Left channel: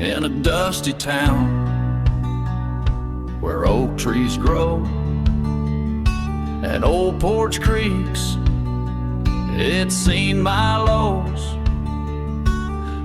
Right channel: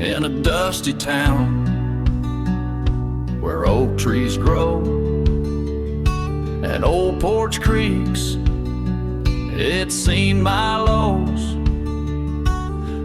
in a dusty town where oak trees grow and old porch creaks. It's seen my lows.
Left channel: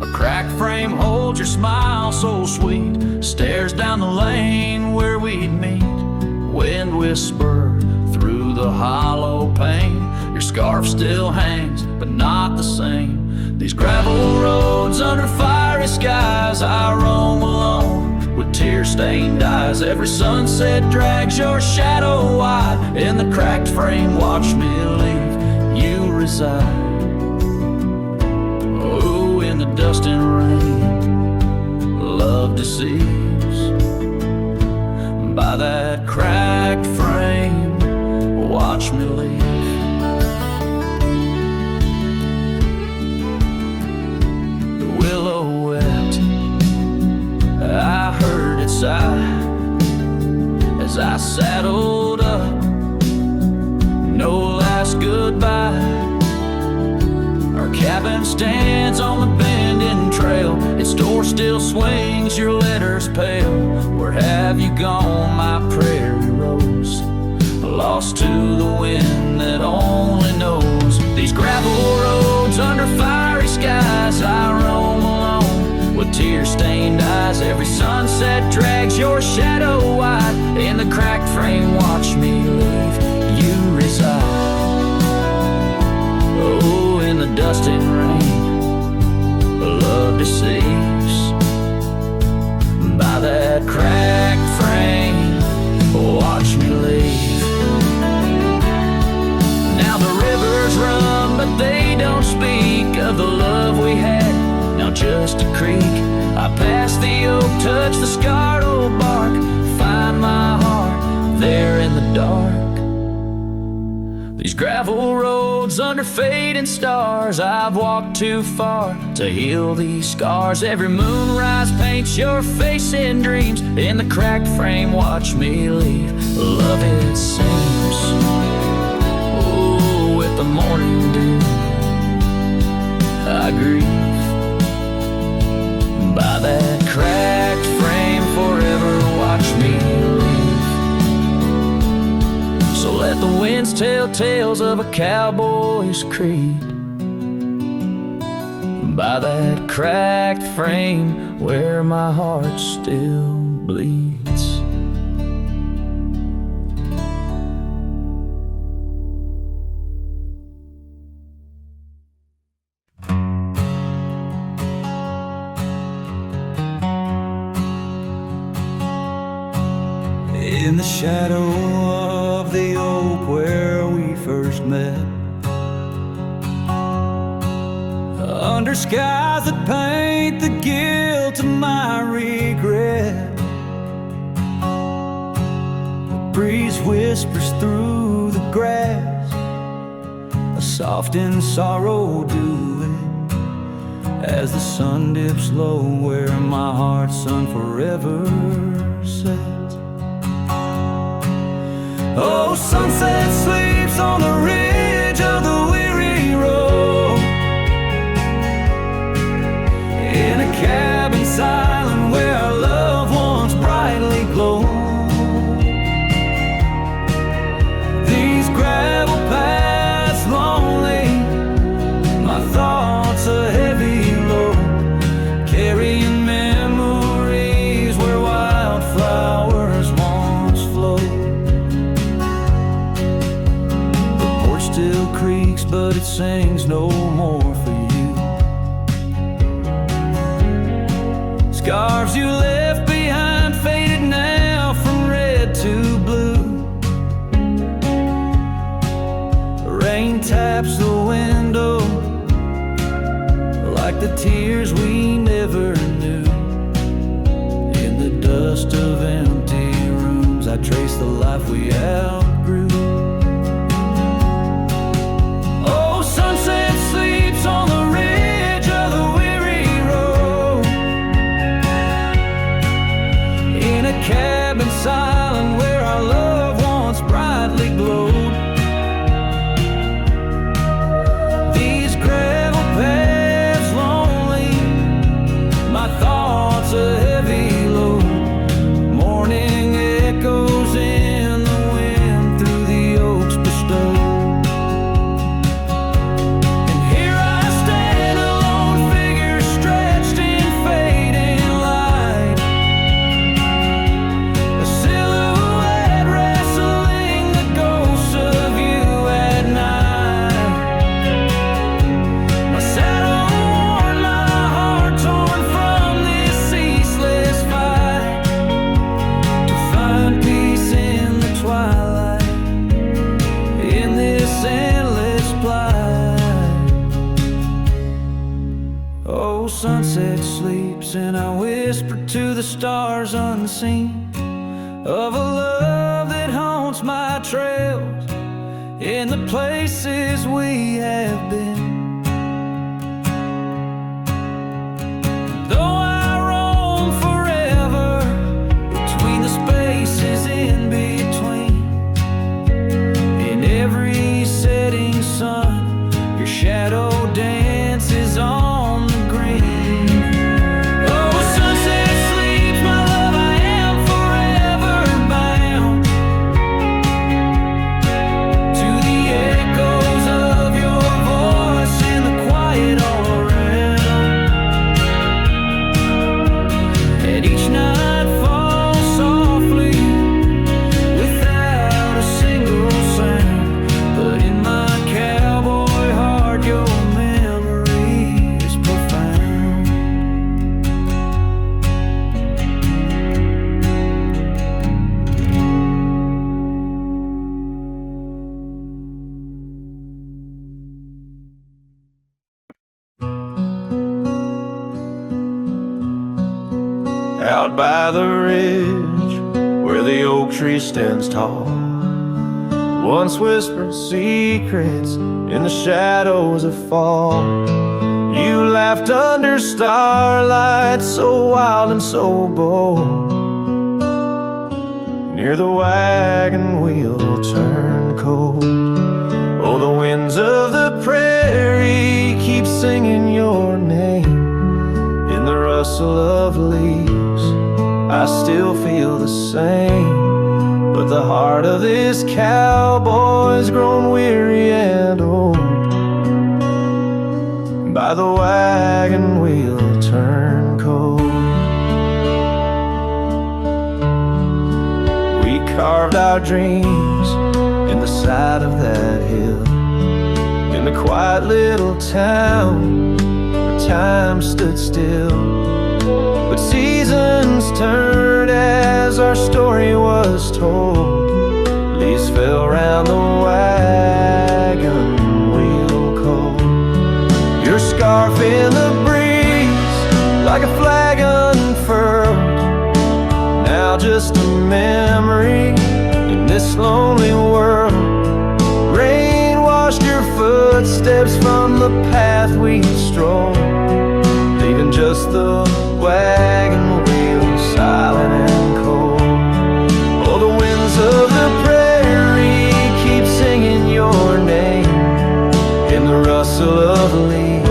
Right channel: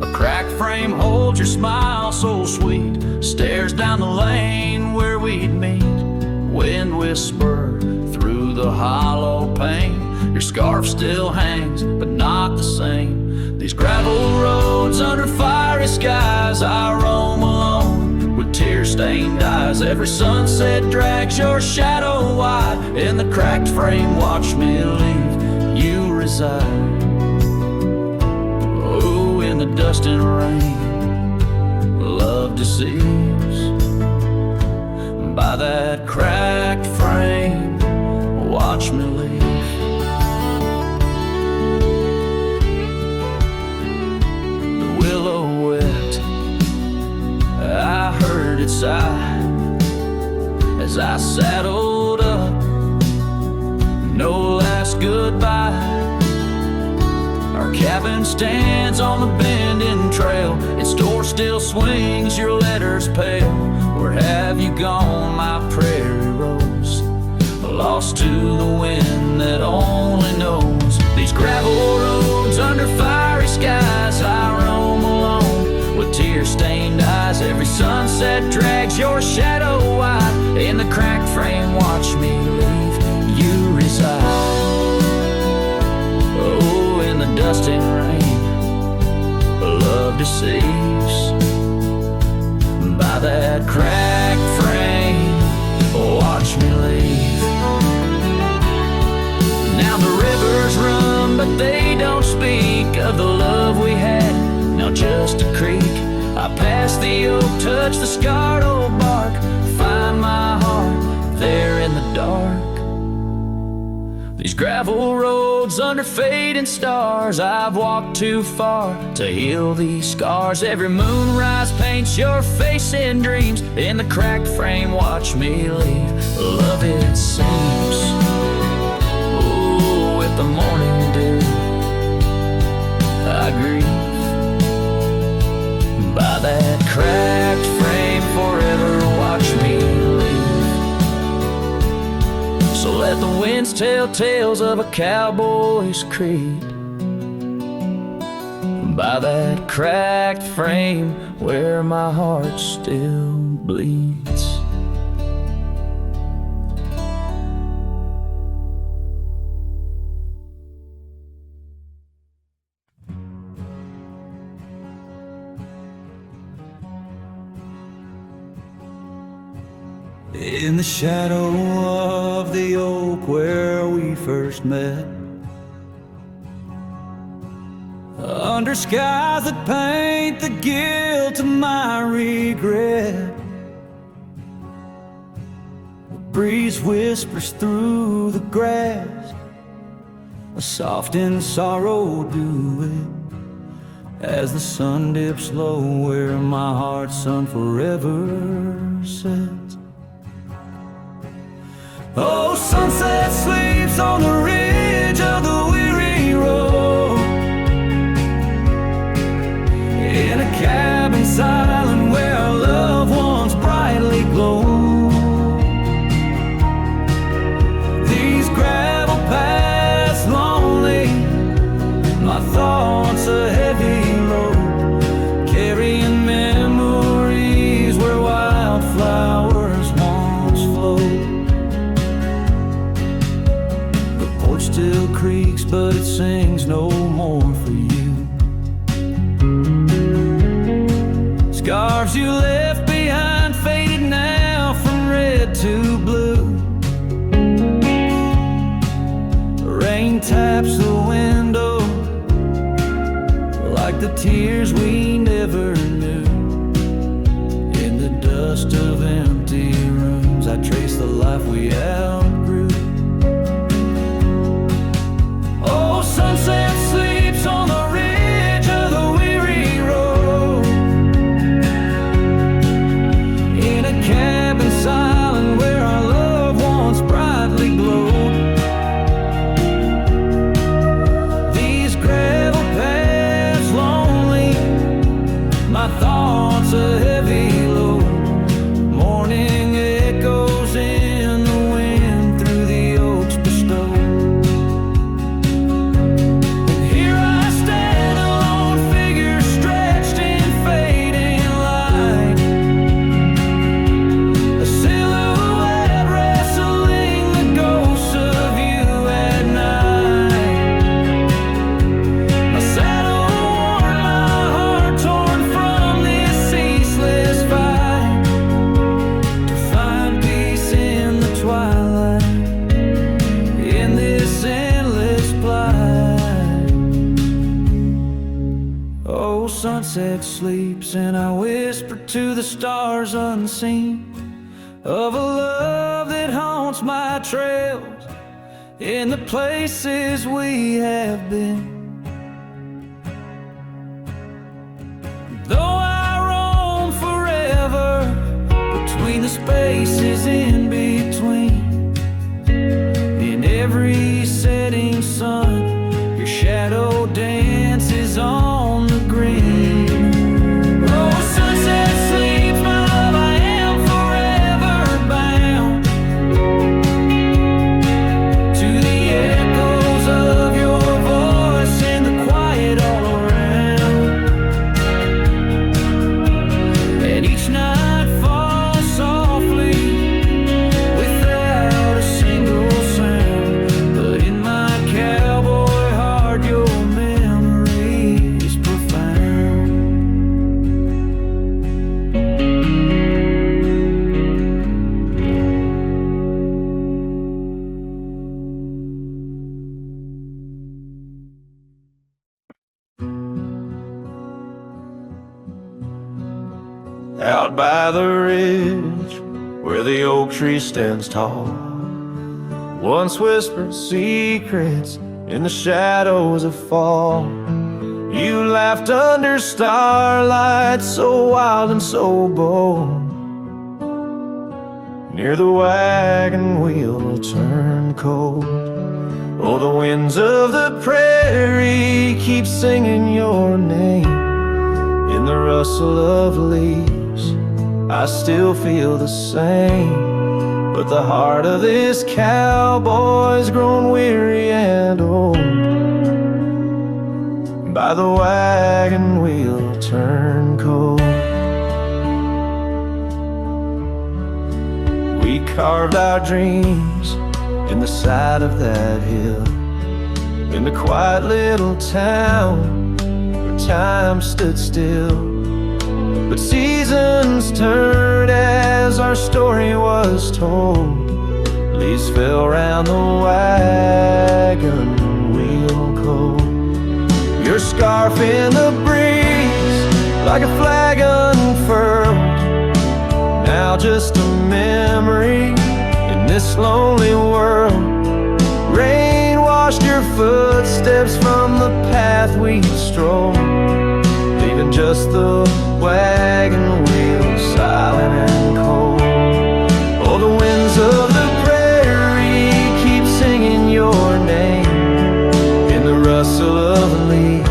A cracked frame holds your smile so sweet, stares down the lane where we'd meet. Wind whisper through the hollow pane. Your scarf still hangs, but not the same. These gravel roads under fiery skies, I roam alone with tear-stained eyes. Every sunset drags your shadow wide. In the cracked frame, watch me leave. You reside. Oh, in the dust and rain, love deceives. By that cracked frame, watch me leave. The willow wept, I heard it sigh as I saddled up. No last goodbye. Our cabin stands on the bending trail. Its door still swings, your letters pale. Where have you gone, my prairie rose? Lost to the wind that only knows. These gravel roads under fiery skies, I roam alone with tear-stained eyes. Every sunset drags your shadow wide. In the cracked frame, watch me leave. You reside. Oh, in the dust and rain, love deceives. By that cracked frame, watch me leave. Now the rivers run, but they don't speak of the love we had. Now just a creek. I pass the oak, touch the scarred old bark, find my heart there in the dark. These gravel roads under fading stars, I've walked too far to heal these scars. Every moonrise paints your face in dreams. In the cracked frame, watch me leave. Love, it seems, oh, with the morning dew I grieve. By that cracked frame, forever watch me leave. So let the winds tell tales of a cowboy's creed. By that cracked frame where my heart still bleeds. In the shadow of the oak where we first met, under skies that paint the guilt of my regret, the breeze whispers through the grass, a soft and sorrow duet, as the sun dips low where my heart's sun forever sets. Oh, sunset sleeps on the ridge of the weary road, in a cabin silent where our loved ones brightly glow. These gravel paths lonely, my thoughts a heavy load, carrying memories where wildflowers once flowed. Still creaks, but it sings no more for you. Scarves you left behind faded now from red to blue. Rain taps the window like the tears we never knew. In the dust of empty rooms, I trace the life we outgrew. Sunset sleeps on the ridge of the weary road, in a cabin silent where our loved ones brightly glowed. These gravel paths lonely, my thoughts heart's a heavy load. Morning echoes in the wind through the oaks bestowed. And here I stand, a lone figure stretched in fading light, a silhouette wrestling the ghosts of you at night. My saddle worn, my heart torn from this ceaseless fight, to find peace in the twilight, in this endless plight. Oh, sunset sleeps and I whisper to the stars unseen of a love that haunts my trails in the places we have been. Though I roam forever between the spaces in between, in every setting sun, your shadow dances on the green. Oh, sunset sleeps, my love, I am forever bound to the echoes of your voice and the quiet all around. And each night falls softly without a single sound, but in my cowboy heart your memory is profound. Out by the ridge where the oak tree stands tall, once whispered secrets in the shadows of fall. You laughed under starlight, so wild and so bold. Near the wagon wheel turned cold. Oh, the winds of the prairie keep singing your name. In the rustle of leaves, I still feel the same. But the heart of this cowboy's grown weary and old. By the wagon wheel turned cold. We carved our dreams in the side of that hill, in the quiet little town where time stood still. But seasons turned as our story was told. Leaves fell round the wagon wheel cold. Your scarf in the breeze, like a flag unfurled, now just a memory in this lonely world. Rain washed your footsteps from the path we strolled, leaving just the wagon wheel silent and cold. Oh, the winds of the prairie keep singing your name. In the rustle of leaves,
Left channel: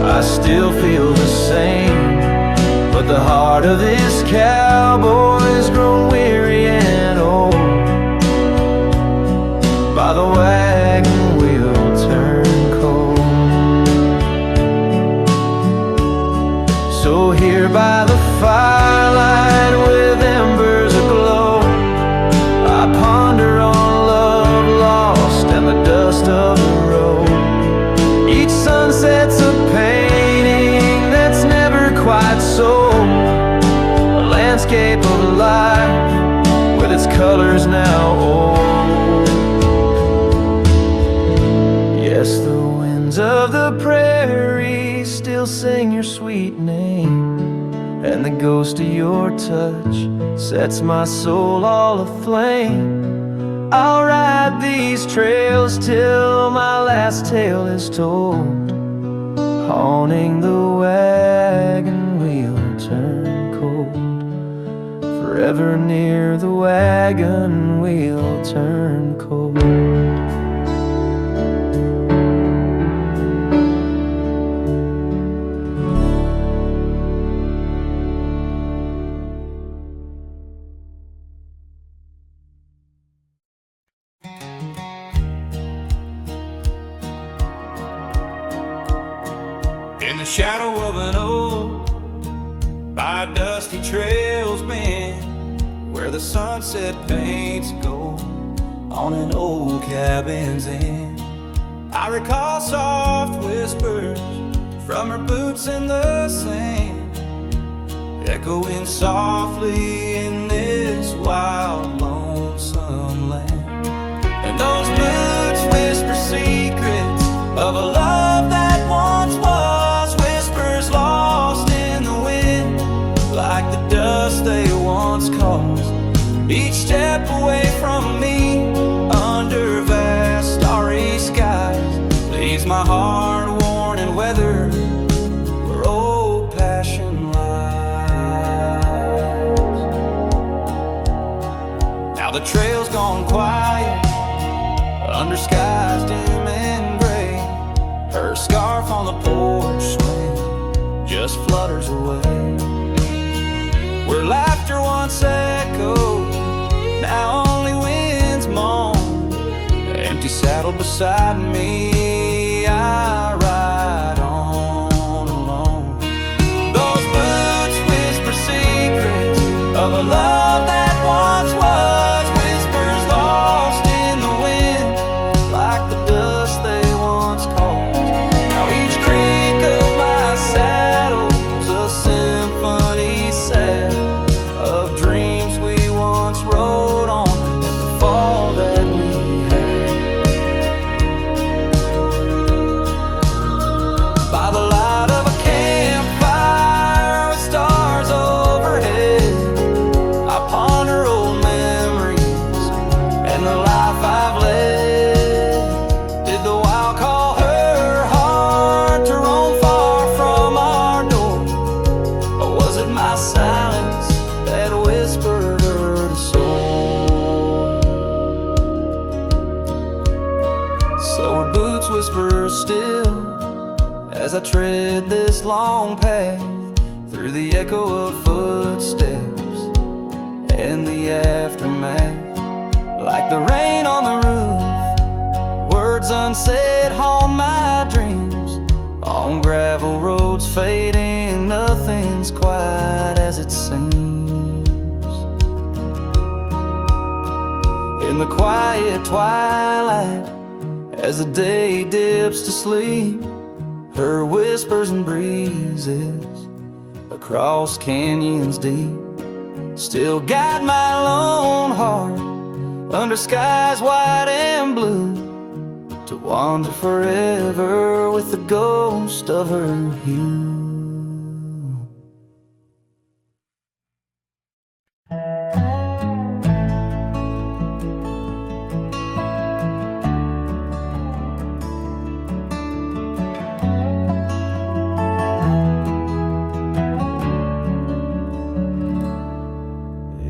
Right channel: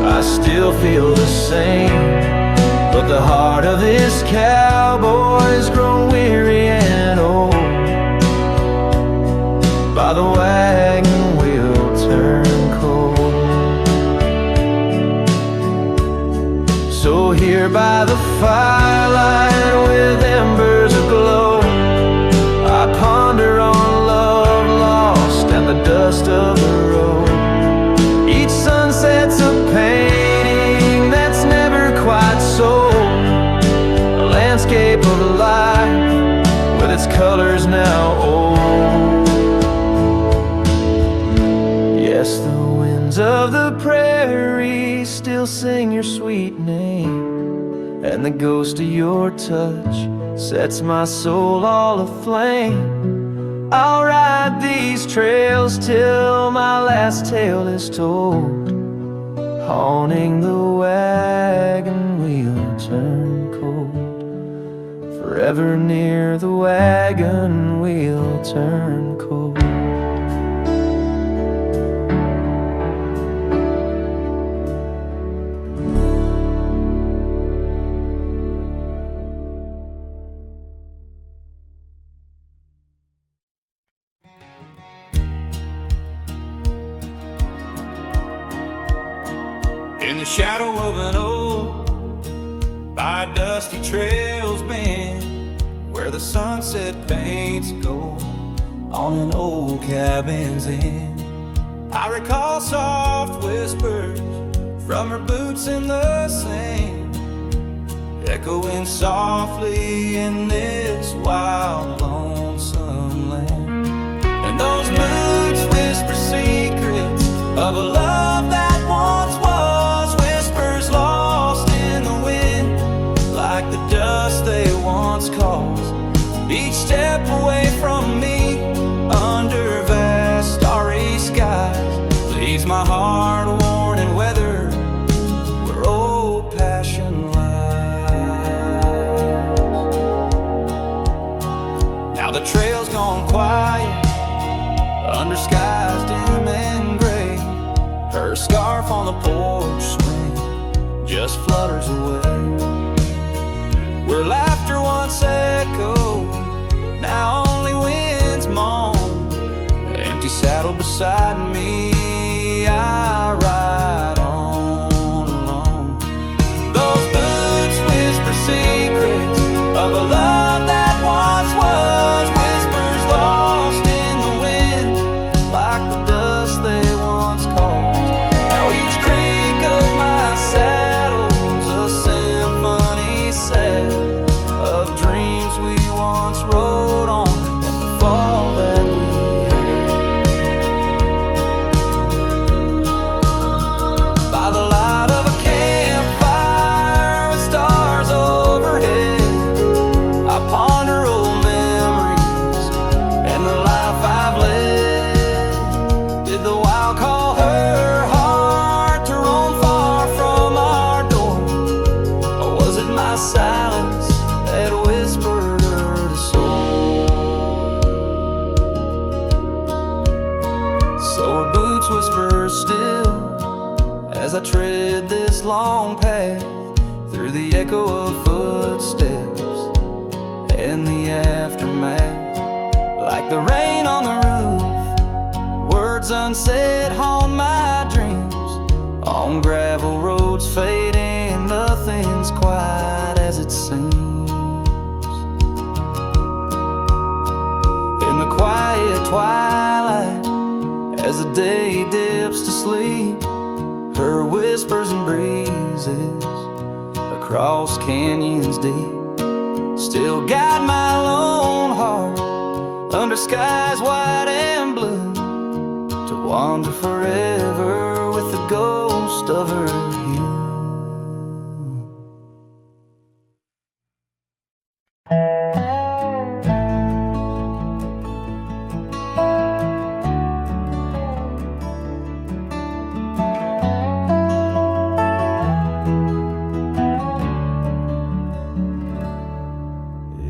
I still feel the same. But the heart of this cowboy's grown weary and old. By the wagon wheel turned cold. So here by the firelight with embers aglow, I ponder on love lost and the dust of the road. Each sunset's a painting that's never quite sold, a landscape of life with its colors now old. Yes, the winds of the prairie still sing your sweet name, and the ghost of your touch sets my soul all aflame. I'll ride these trails till my last tale is told, haunting the wagon wheel turned cold. Forever near the wagon wheel turned cold. In the shadow of an oak, by dusty trails bend, where the sunset paints gold on an old cabin's end, I recall soft whispers from her boots in the sand, echoing softly in this wild, lonesome land. And those boots whisper secrets of a love that once was, whispers lost in the wind, like the dust they once caused. Each step away from me, under vast starry skies, leaves my heart worn and weathered where old passion lies. Now the trail's gone quiet, under skies dim and gray. Her scarf on the porch swing just flutters away. Where laughter once echoed, now only winds moan. Empty saddle beside me, I ride on alone. Those boots whisper secrets of a love that once was, whispers lost in the wind, like the dust they once caused. Now each creak of my saddle's a symphony set of dreams we once rode on, and the fall that we had. By the light of a campfire with stars overhead, I ponder old memories and the life I've led. Did the wild call her heart to roam far from our door, or was it my silence that whispered her to soar? So her boots whisper still as I tread this long path, through the echo of footsteps and the aftermath. Like the rain on the roof, words unsaid haunt my dreams. On gravel roads fading, nothing's quite as it seems. In the quiet twilight, as the day dips to sleep, her whispers and breezes across canyons deep still guide my lone heart under skies white and blue, to wander forever with the ghost of her hue.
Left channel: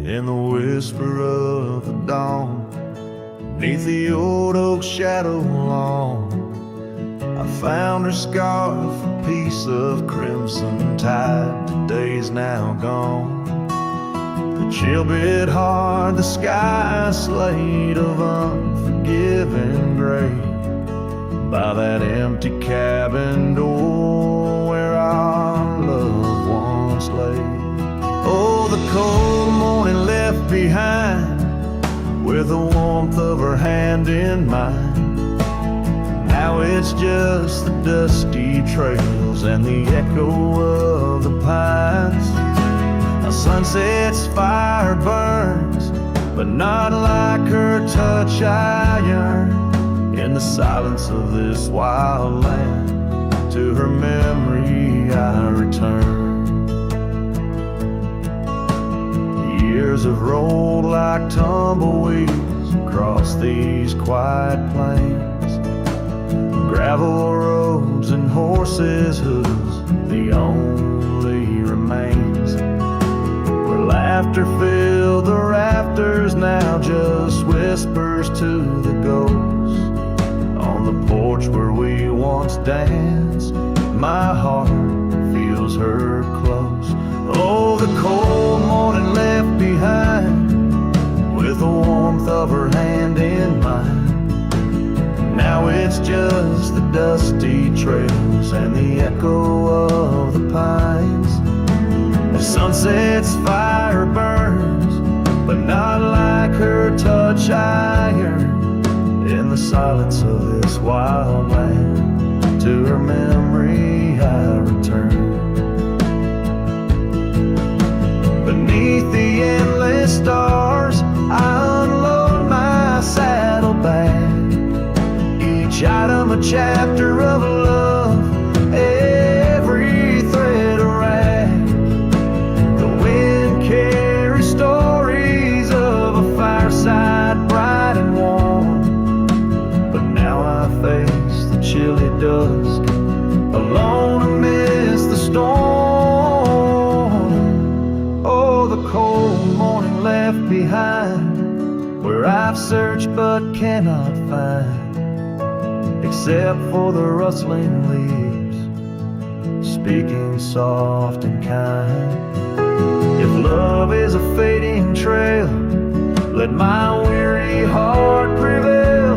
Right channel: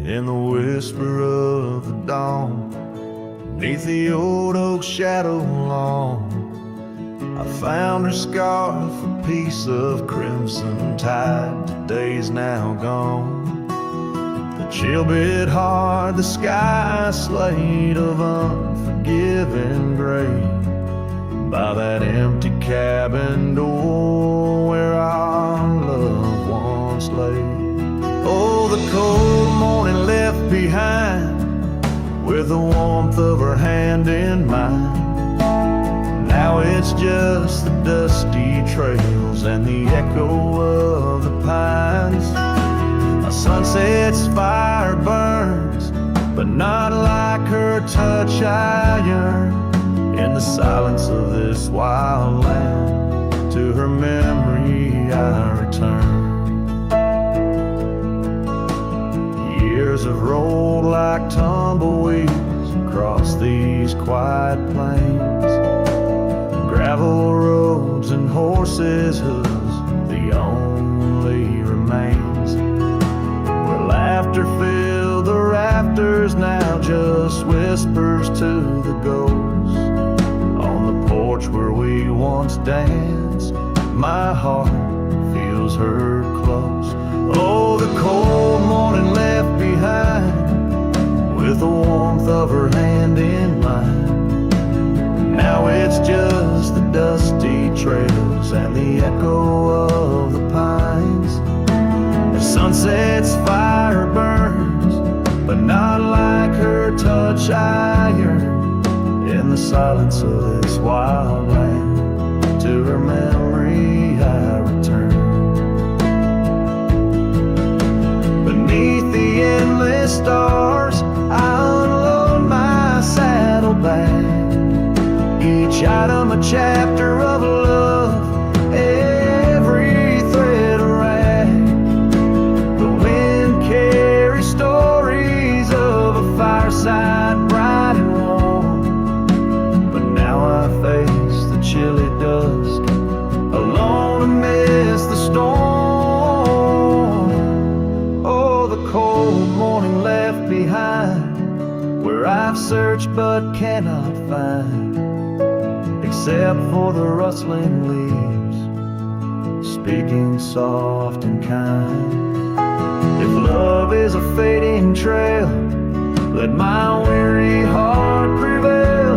In the whisper of the dawn, beneath the old oak shadow long, I found her scarf, a piece of crimson tide. Today's now gone. The chill bit hard, the sky a slate of unforgiving gray. By that empty cabin door where our love once lay. Oh, the cold morning left behind, with the warmth of her hand in mine. Now it's just the dusty trails and the echo of the pines. A sunset's fire burns, but not like her touch I yearn. In the silence of this wild land, to her memory I return. Years have rolled like tumbleweeds across these quiet plains. Gravel roads and horses' hooves, the only remains. Where laughter filled the rafters, now just whispers to the ghosts. On the porch where we once danced, my heart feels her close. Oh, the cold morning left behind, with the warmth of her hand in mine. Now it's just the dusty trails and the echo of the pines. As sunset's fire burns, but not like her touch I yearn. In the silence of this wild land, to her memory I return. Beneath the endless stars, I unload my saddlebag. Each item a chapter of love, every thread a rag. The wind carries stories of a fireside bright and warm. But now I face the chilly dusk, alone amidst the storm. Oh, the cold morning left behind, where I've searched but cannot find, except for the rustling leaves, speaking soft and kind. If love is a fading trail, let my weary heart prevail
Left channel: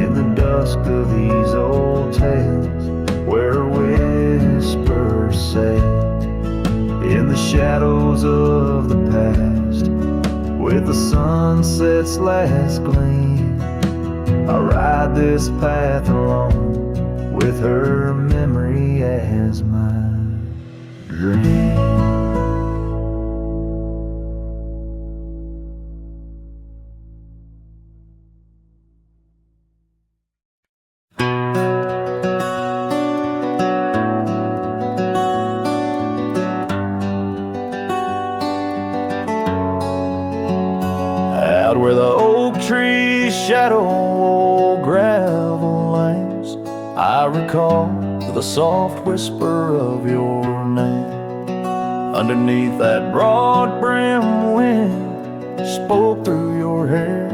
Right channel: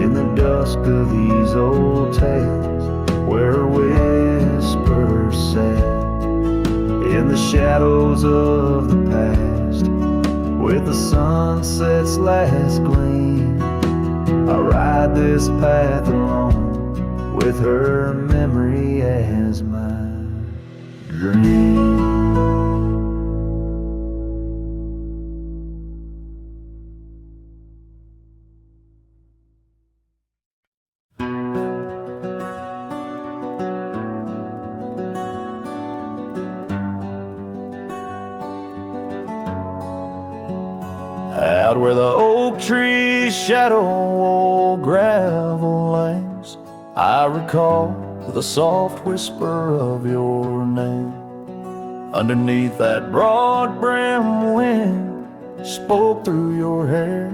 in the dusk of these old tales, where whispers sail in the shadows of the past. With the sunset's last gleam, I ride this path alone, with her memory as my dream. Out where the oak trees shadow old gravel lanes, I recall the soft whisper of your name. Underneath that broad brim wind spoke through your hair.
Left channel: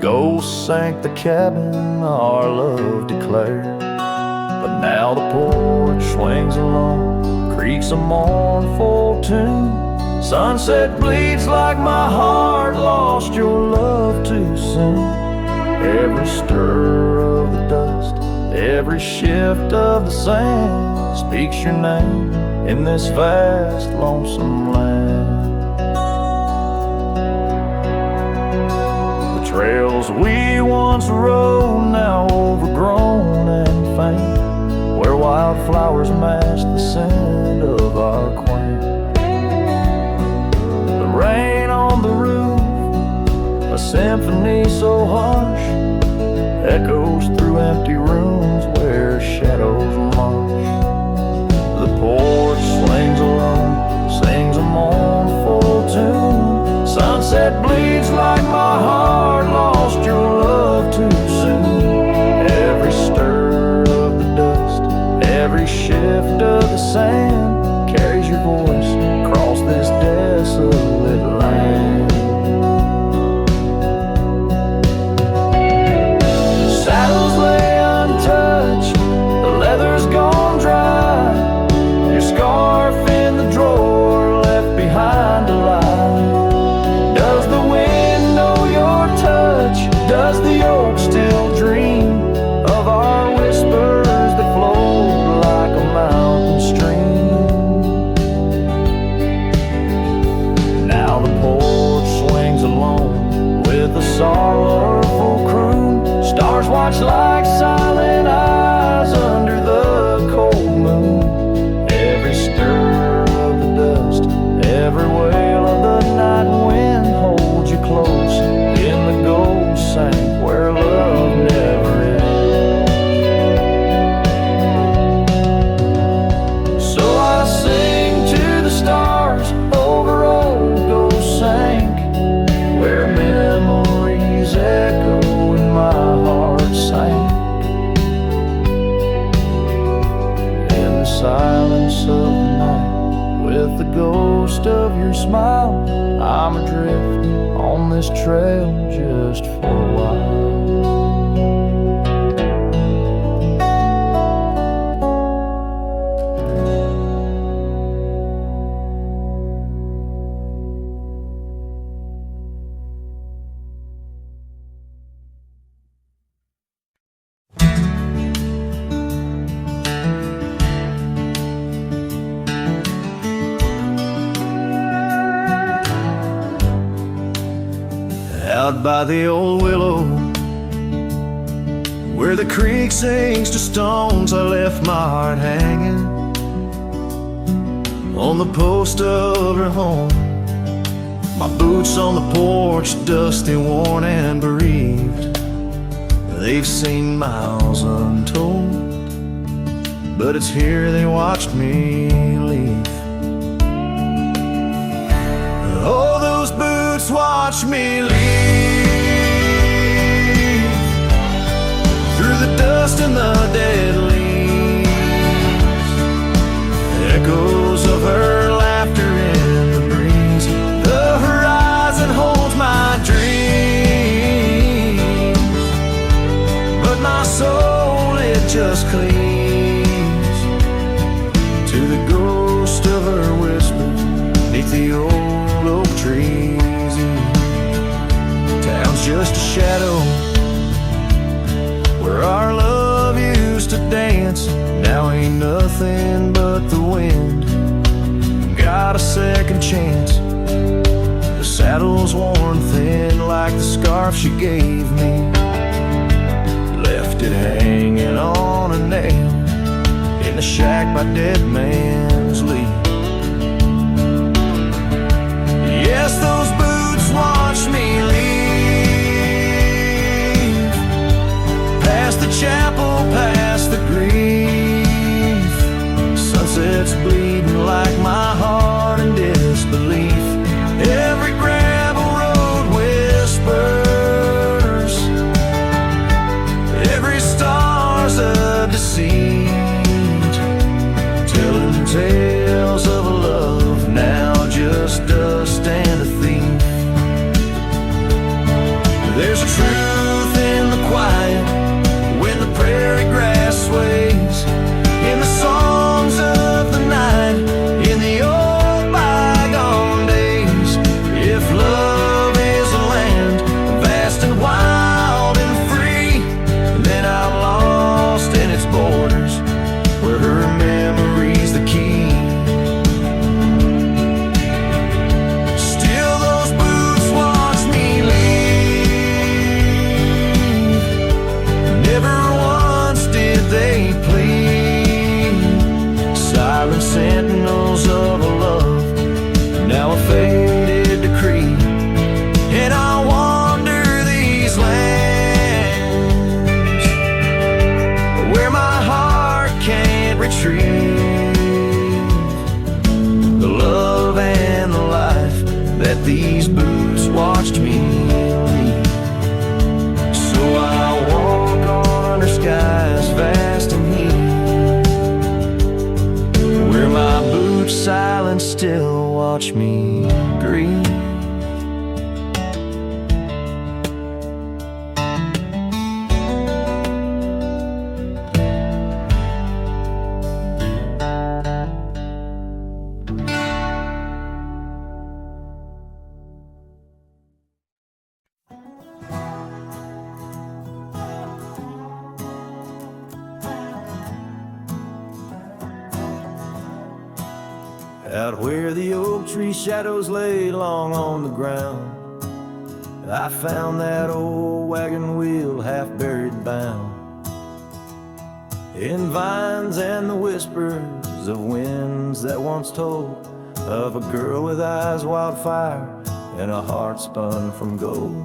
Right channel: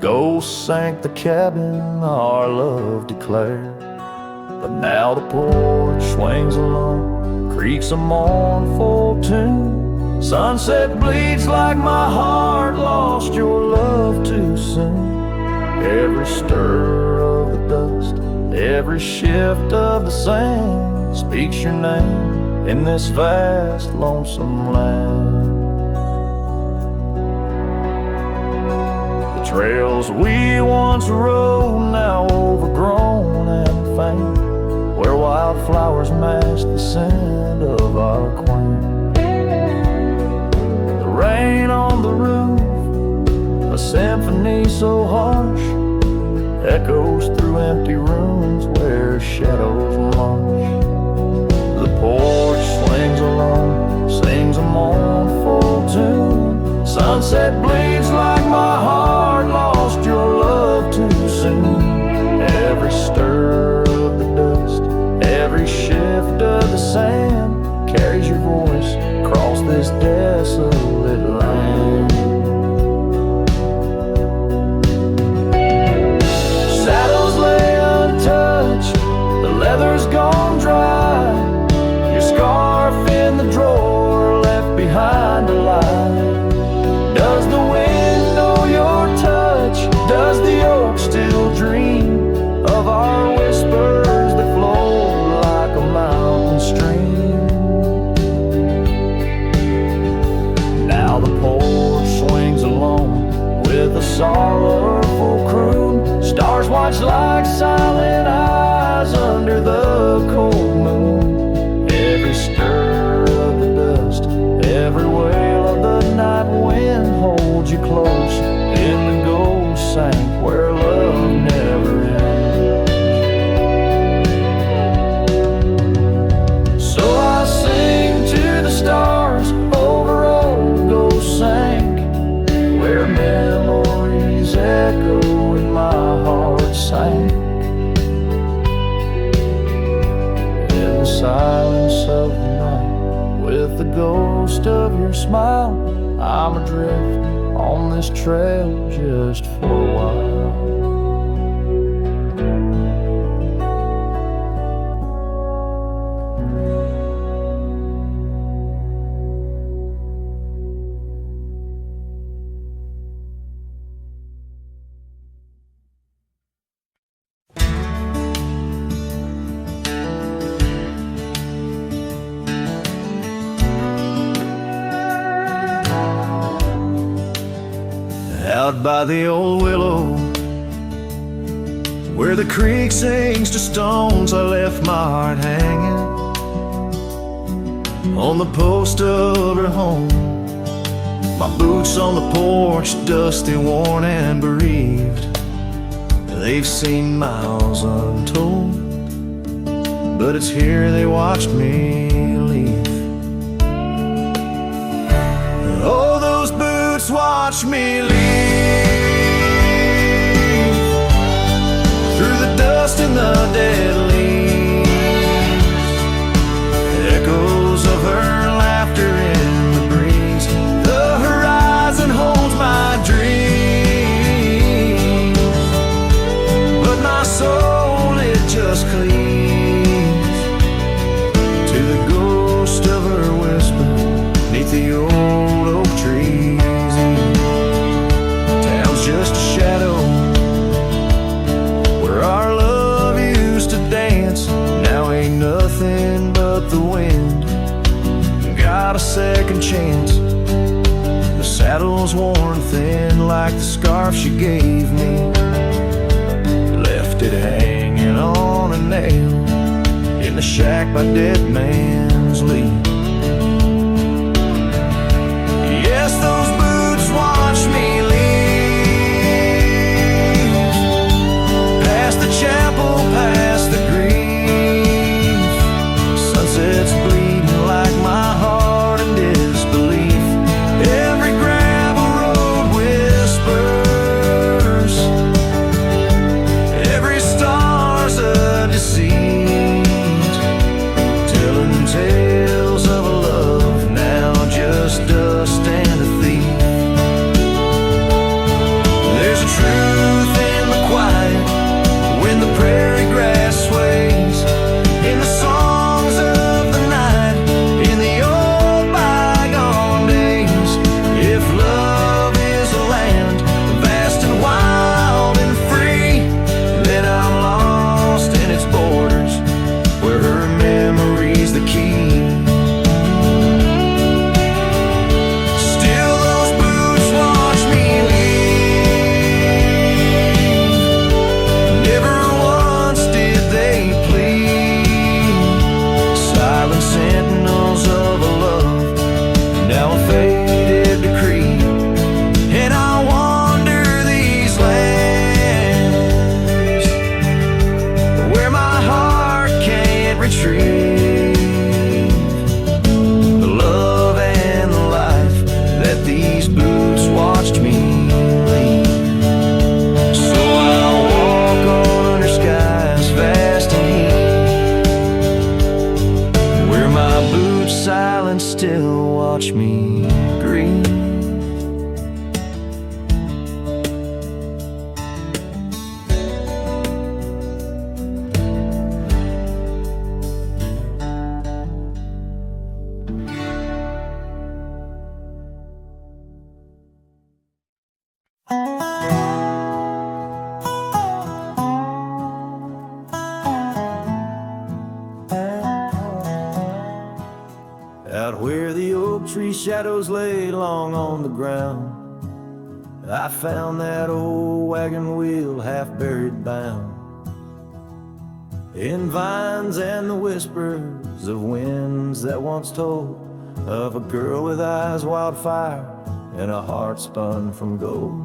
Ghosts sank the cabin our love declared. But now the porch swings alone, creaks a mournful tune. Sunset bleeds like my heart lost your love too soon. Every stir of the dust, every shift of the sand speaks your name in this vast lonesome land. The trails we once rode, now overgrown and faint, where wildflowers mask the scent of our quaint. Rain on the roof, a symphony so harsh, echoes through empty rooms where shadows march. The porch swings alone, sings a mournful tune. Sunset bleeds like my heart lost your love too soon. Every stir of the dust, every shift of the sand carries your voice across this desolate land. Saddles lay untouched, the leather's gone dry. Your scarf in the drawer left behind alive. Does the wind know your touch? Does the oak still dream of our whispers that flow like a mountain stream? Now the porch swings alone with a sorrowful croon. Stars watch like silent eyes under the cold moon. Every stir of the dust, every wail of the night wind holds you close in the gold sank where love never ends. So I sing to the stars over old ghost sank, where memories echo and my heart sank. In the silence of the night, with the ghost of your smile, I'm adrift on this trail just for a while. out by the old willow, where the creek sings to stones, I left my heart hanging on the post of her home. My boots on the porch, dusty, worn, and bereaved. They've seen miles untold, but it's here they watched me leave. Oh, those boots watched me leave, through the dust and the dead leaves. Echoes of her laughter in the breeze. The horizon holds my dreams, but my soul, it just clings to the ghost of her whisper 'neath the old oak trees. Town's just a shadow where our love used to dance. Now ain't nothing but the wind. Got a second chance. The saddle's worn thin like the scarf she gave me. Left it hanging on a nail in the shack by Dead Man's Lee. Yes, those boots watched me leave, past the chapel, past the grief. Sunset's bleeding like my heart in disbelief. Every gravel road whispers, every star's a deceit, telling tales of a love now just dust and a thief. There's a truth in the quiet when the prairie grass sways, in the songs of the night, in the old bygone days. If love is a land vast and wild and free, then I'm lost in its borders, where her memory's the key. Still those boots watch me leave, never once did they plead. Silent sentinels of a love, now a faded decree. And I wander these lands where my heart can't retrieve the love and the life that these boots watched me leave. So I'll walk on under skies vast and heat, where my boots silent still watch me grieve. Out where the oak tree shadows lay long on the ground, I found that old wagon wheel half buried bound in vines and the whispers of winds that once told of a girl with eyes wildfire and a heart spun from gold.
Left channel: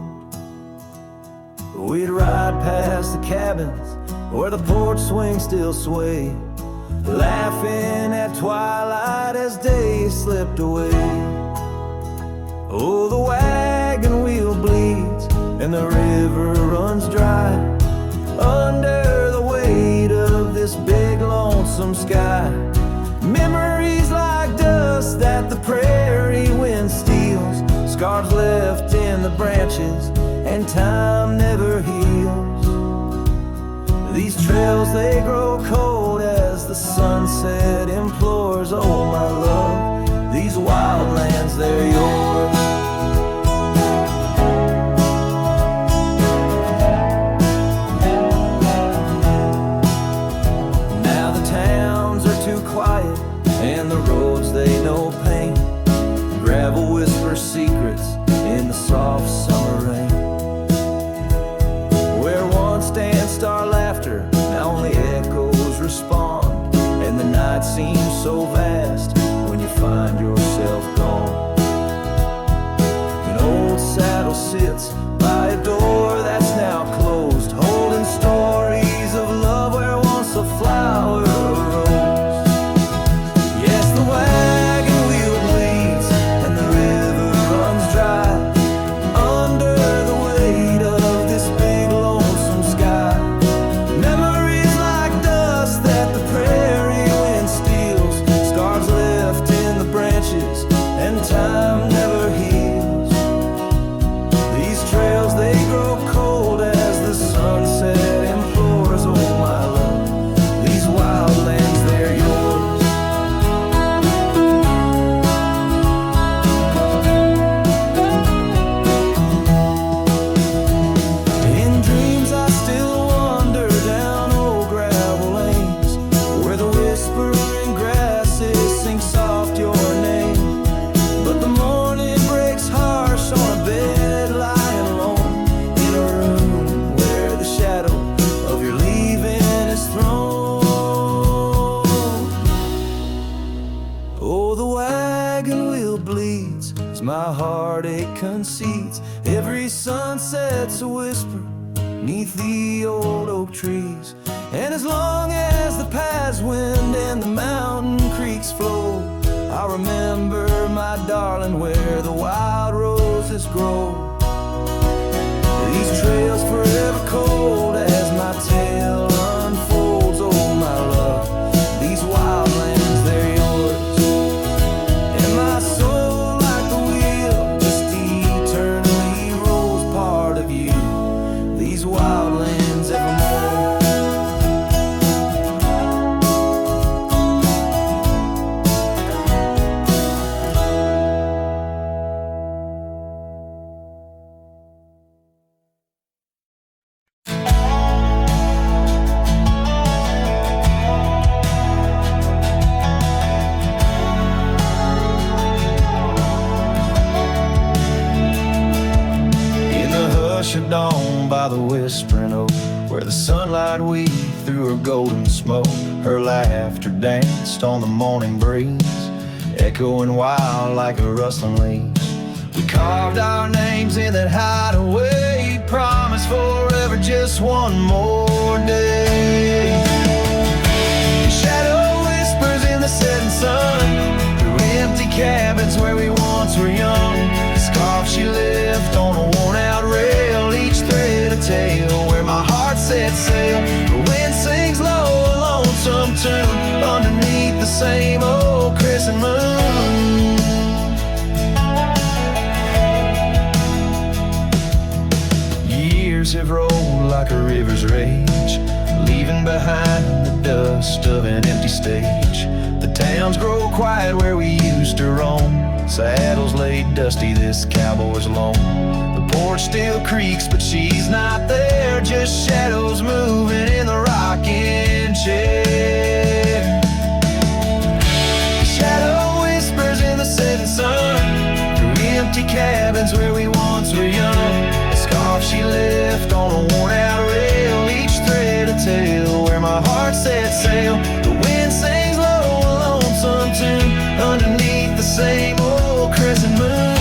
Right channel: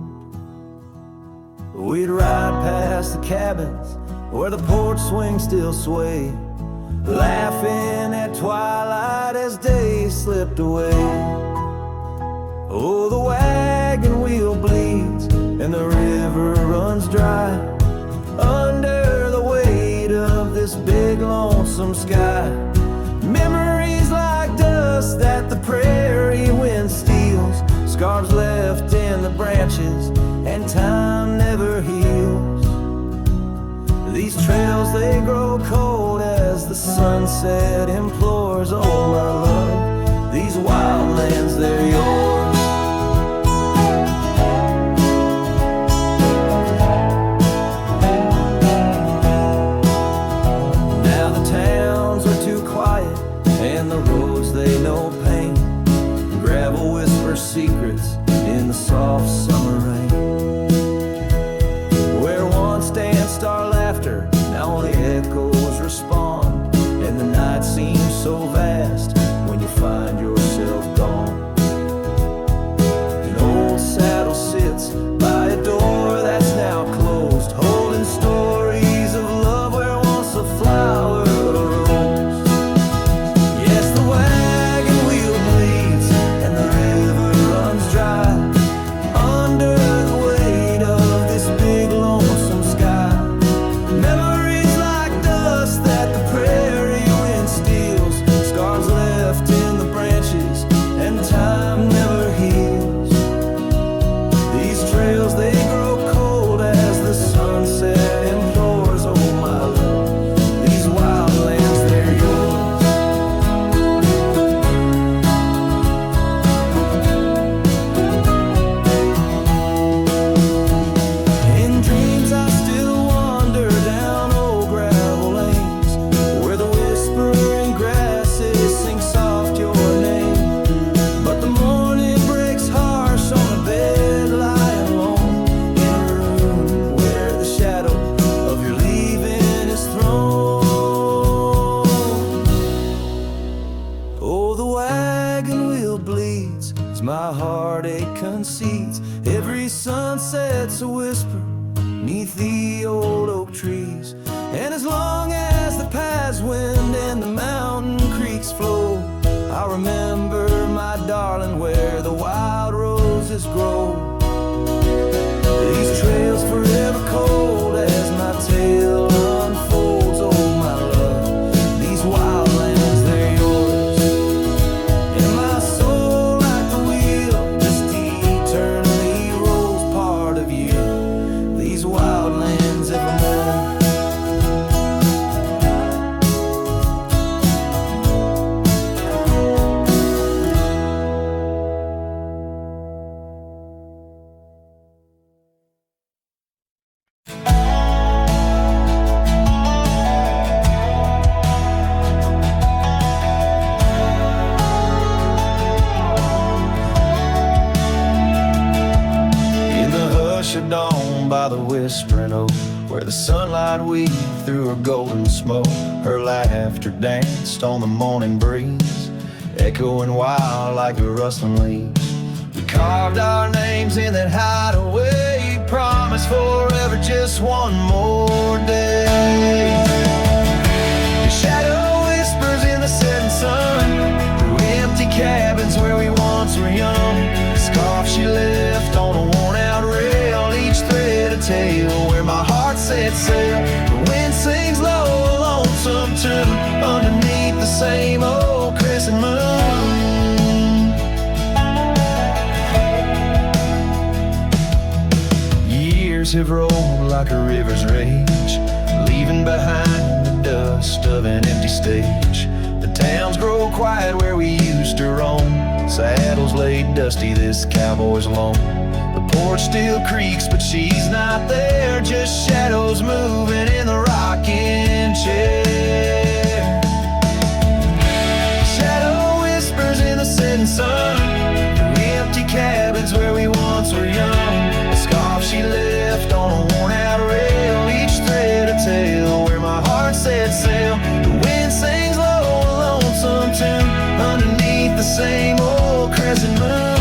We'd ride past the cabins where the porch swings still sway, laughing at twilight as day slipped away. Oh, the wagon wheel bleeds and the river runs dry under the weight of this big lonesome sky. Memories like dust that the prairie wind steals, scars left in the branches and time never heals. These trails, they grow cold as the sunset implores. Oh, my love, these wild lands, they're yours. Now the towns are too quiet and the roads, they know pain. Gravel whispers secrets in the soft summer rain. Where once danced our laughter, now only echoes respond, and the night seems so vast when you find yourself gone. An old saddle sits by a door that's now closed, holding stories of love where once a flower arose. Yes, the wagon wheel bleeds and the river runs dry under the weight of this big lonesome sky. Memories like dust that the prairie wind steals, scars left in the branches and time never heals. These trails, they grow cold as the sunset implores, oh my love, these wild lands, they're yours. In dreams I still wander down old gravel lanes, where the whispering grasses sing soft your name. But the morning breaks harsh on a bed lying alone, in a room where the shadow of your leaving is thrown. Oh, the wagon wheel bleeds as my heartache concedes. Every sunset's a whisper neath the old oak trees. And as long as the paths wind and the mountain creeks flow, I remember, my darling, where the wild roses grow. These trails forever cold as my tale unfolds, oh my love, these wild lands, they're yours. And my soul, like the wheel, just eternally rolls, part of you, these wild lands evermore. In the hush of dawn by the whispering oak, where the sunlight weaved through her golden smoke, her laughter danced on the morning breeze, echoing wild like a rustling leaves. We carved our names in that hideaway, promised forever just one more day. Your shadow whispers in the setting sun, through empty cabins where we once were young. Scarf she left on a worn-out rail, each thread a tale where my heart set sail. The wind sings low a lonesome tune underneath the same old crescent moon. Years have rolled like a river's rage, leaving behind the dust of an empty stage. The towns grow quiet where we used to roam, saddles laid dusty, this cowboy's alone. The porch still creaks, but she's not there, just shadows moving in the rocking chair. The shadow whispers in the setting sun, through empty cabins where we once were young. A scarf she left on a worn-out rail, each thread a tale where my heart set sail. The wind sings low a lonesome tune underneath the same old crescent moon.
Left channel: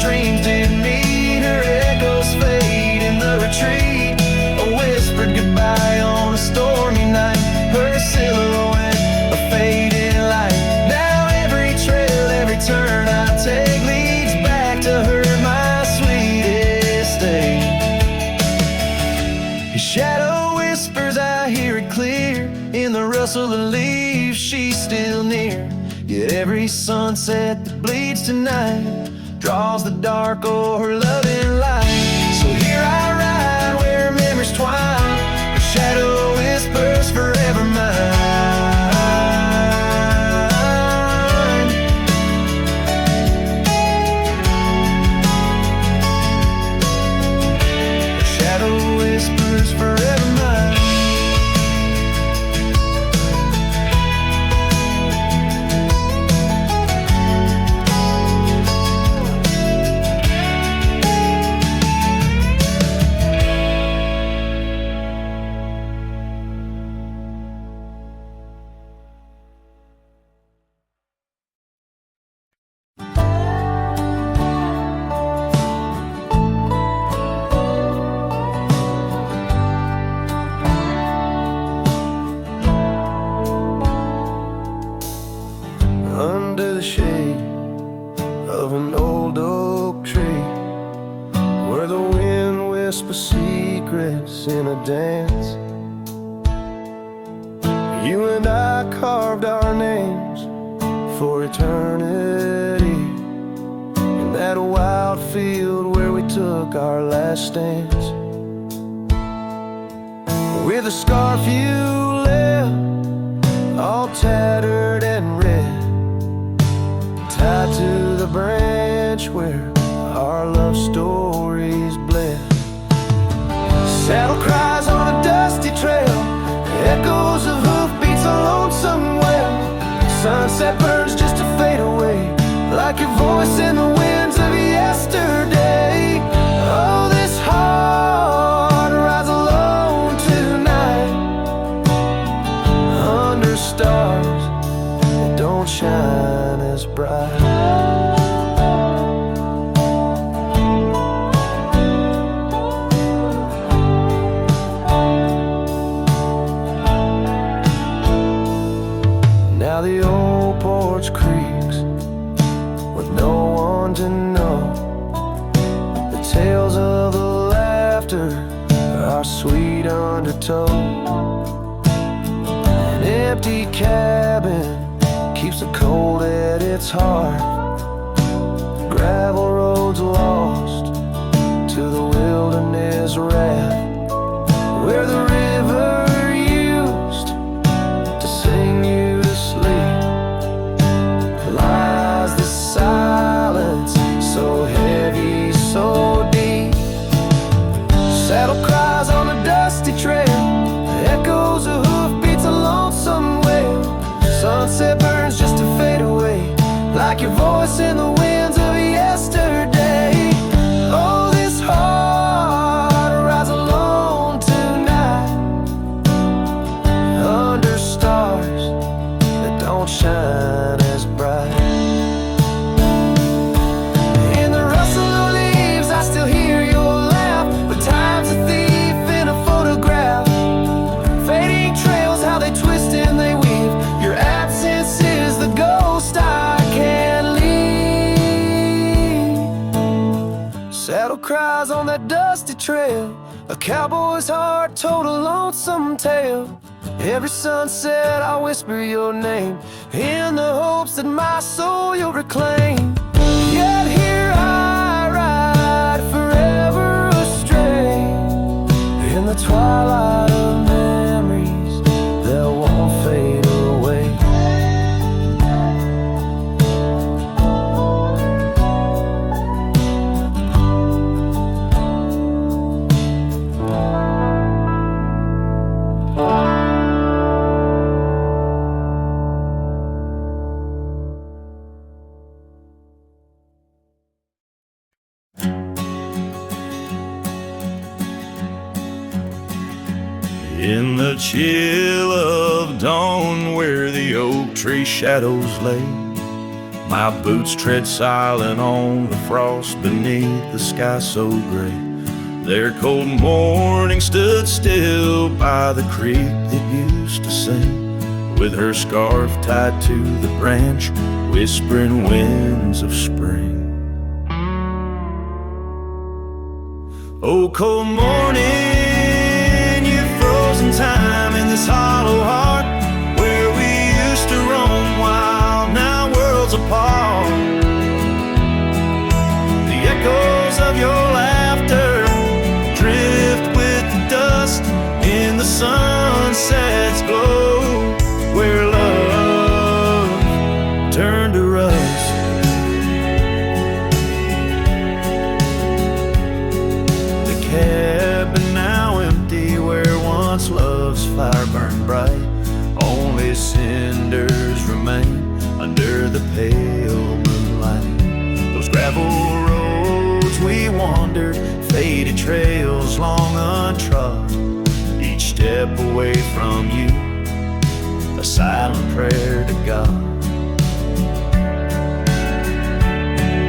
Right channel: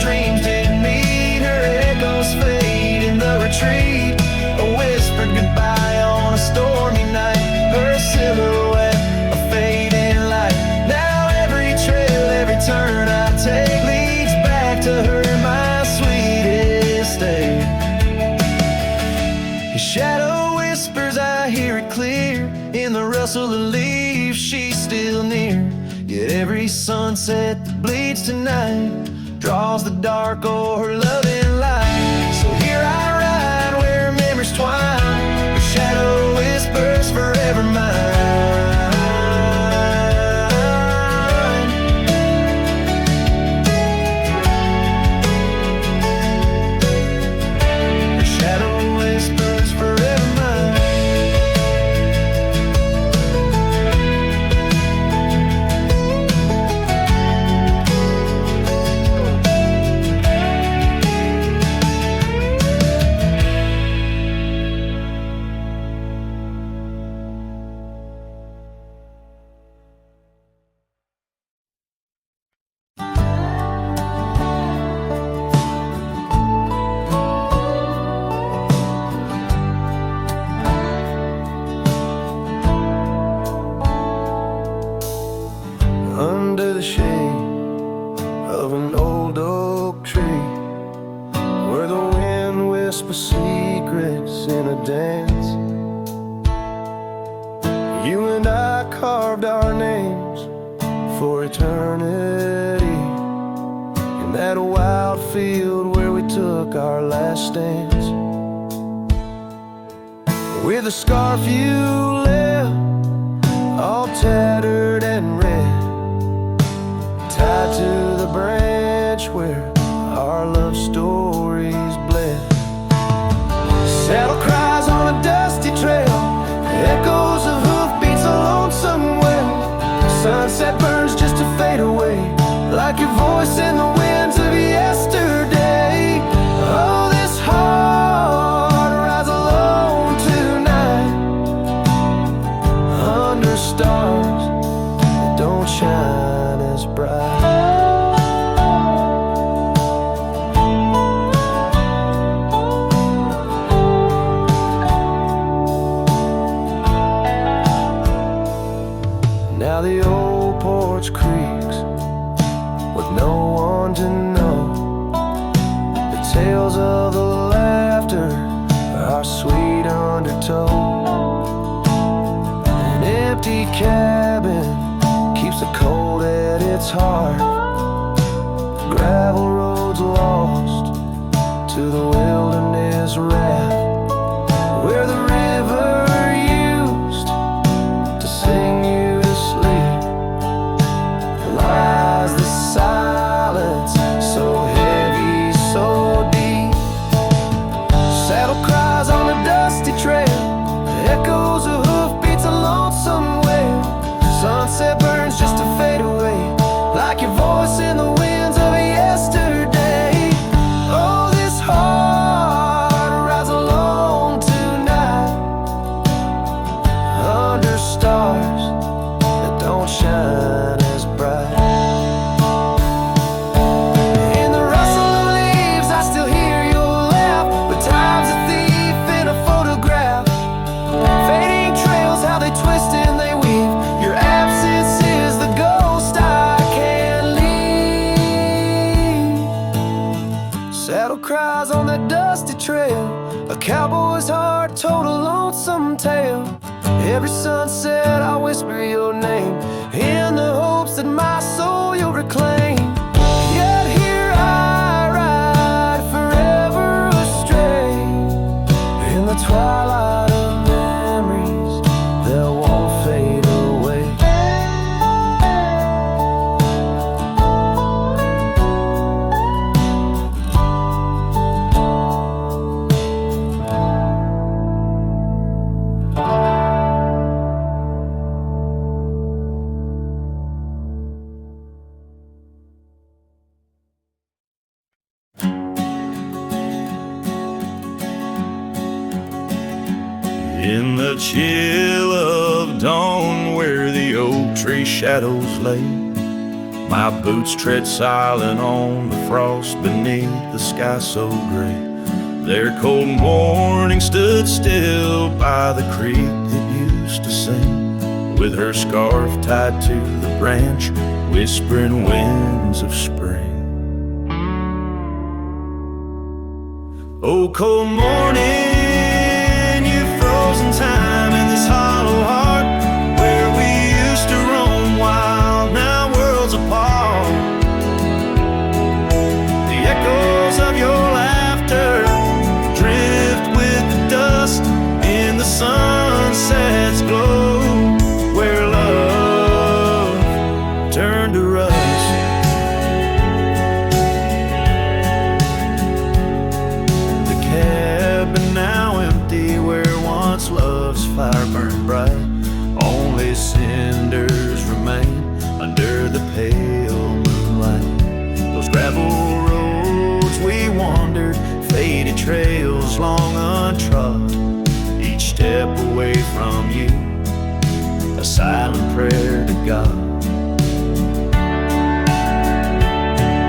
Dreams didn't meet, her echoes fade in the retreat. A whispered goodbye on a stormy night, her silhouette a fading light. Now every trail, every turn I take leads back to her, my sweetest day. Your shadow whispers, I hear it clear, in the rustle of leaves, she's still near. Yet every sunset that bleeds tonight draws the dark o'er her loving light. So here I ride where memories twine, her shadow whispers forever mine. under the shade of an old oak tree, where the wind whispers secrets in a dance. You and I carved our names for eternity in that wild field where we took our last stance. With a scarf you left, all tattered and red, tied to the branch where our love stories bled. Saddle cries on a dusty trail, echoes of hoofbeats, a lonesome wail. Sunset burns just to fade away, like your voice in the winds of yesterday. Oh, this heart rides alone tonight, under stars that don't shine as bright. Now the old porch creaks with no one to know. The tales of the laughter are sweet undertow. An empty cabin keeps the cold at its heart. Gravel roads lost to the wilderness wrath, where the river used to sing you to sleep. Lies the silence, so heavy, so deep. Saddle cries on a dusty trail, echoes of hoofbeats, a lonesome wail. Sunset burns just to fade away, like your voice in the winds of yesterday. Oh, this heart rides alone tonight, under stars that don't shine as bright. In the rustle of leaves I still hear your laugh, but time's a thief in a photograph. Fading trails, how they twist and they weave. Your absence is the ghost I can't leave. Saddle cries on that dusty trail, a cowboy's heart told a lonesome tale. Every sunset I whisper your name, in the hopes that my soul you'll reclaim. Yet here I ride forever astray, in the twilight of memories that won't fade away. In the chill of dawn, where the oak tree shadows lay, my boots tread silent on the frost beneath the sky so gray. Their cold morning stood still by the creek that used to sing, with her scarf tied to the branch, whispering winds of spring. Oh, cold morning, time in this hollow heart, where we used to roam wild, now worlds apart. The echoes of your laughter drift with the dust in the sunset's glow, where love turned to rust. The cabin now empty, where once love's fire burned bright, only cinders remain under the pale moonlight. Those gravel roads we wandered, faded trails long untrod, each step away from you, a silent prayer to God.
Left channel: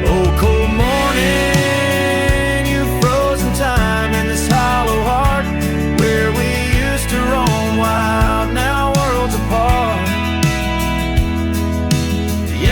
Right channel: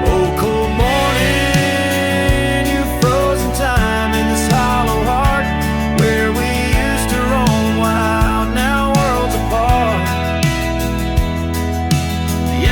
Oh, cold morning, you've frozen time in this hollow heart, where we used to roam wild, now worlds apart. The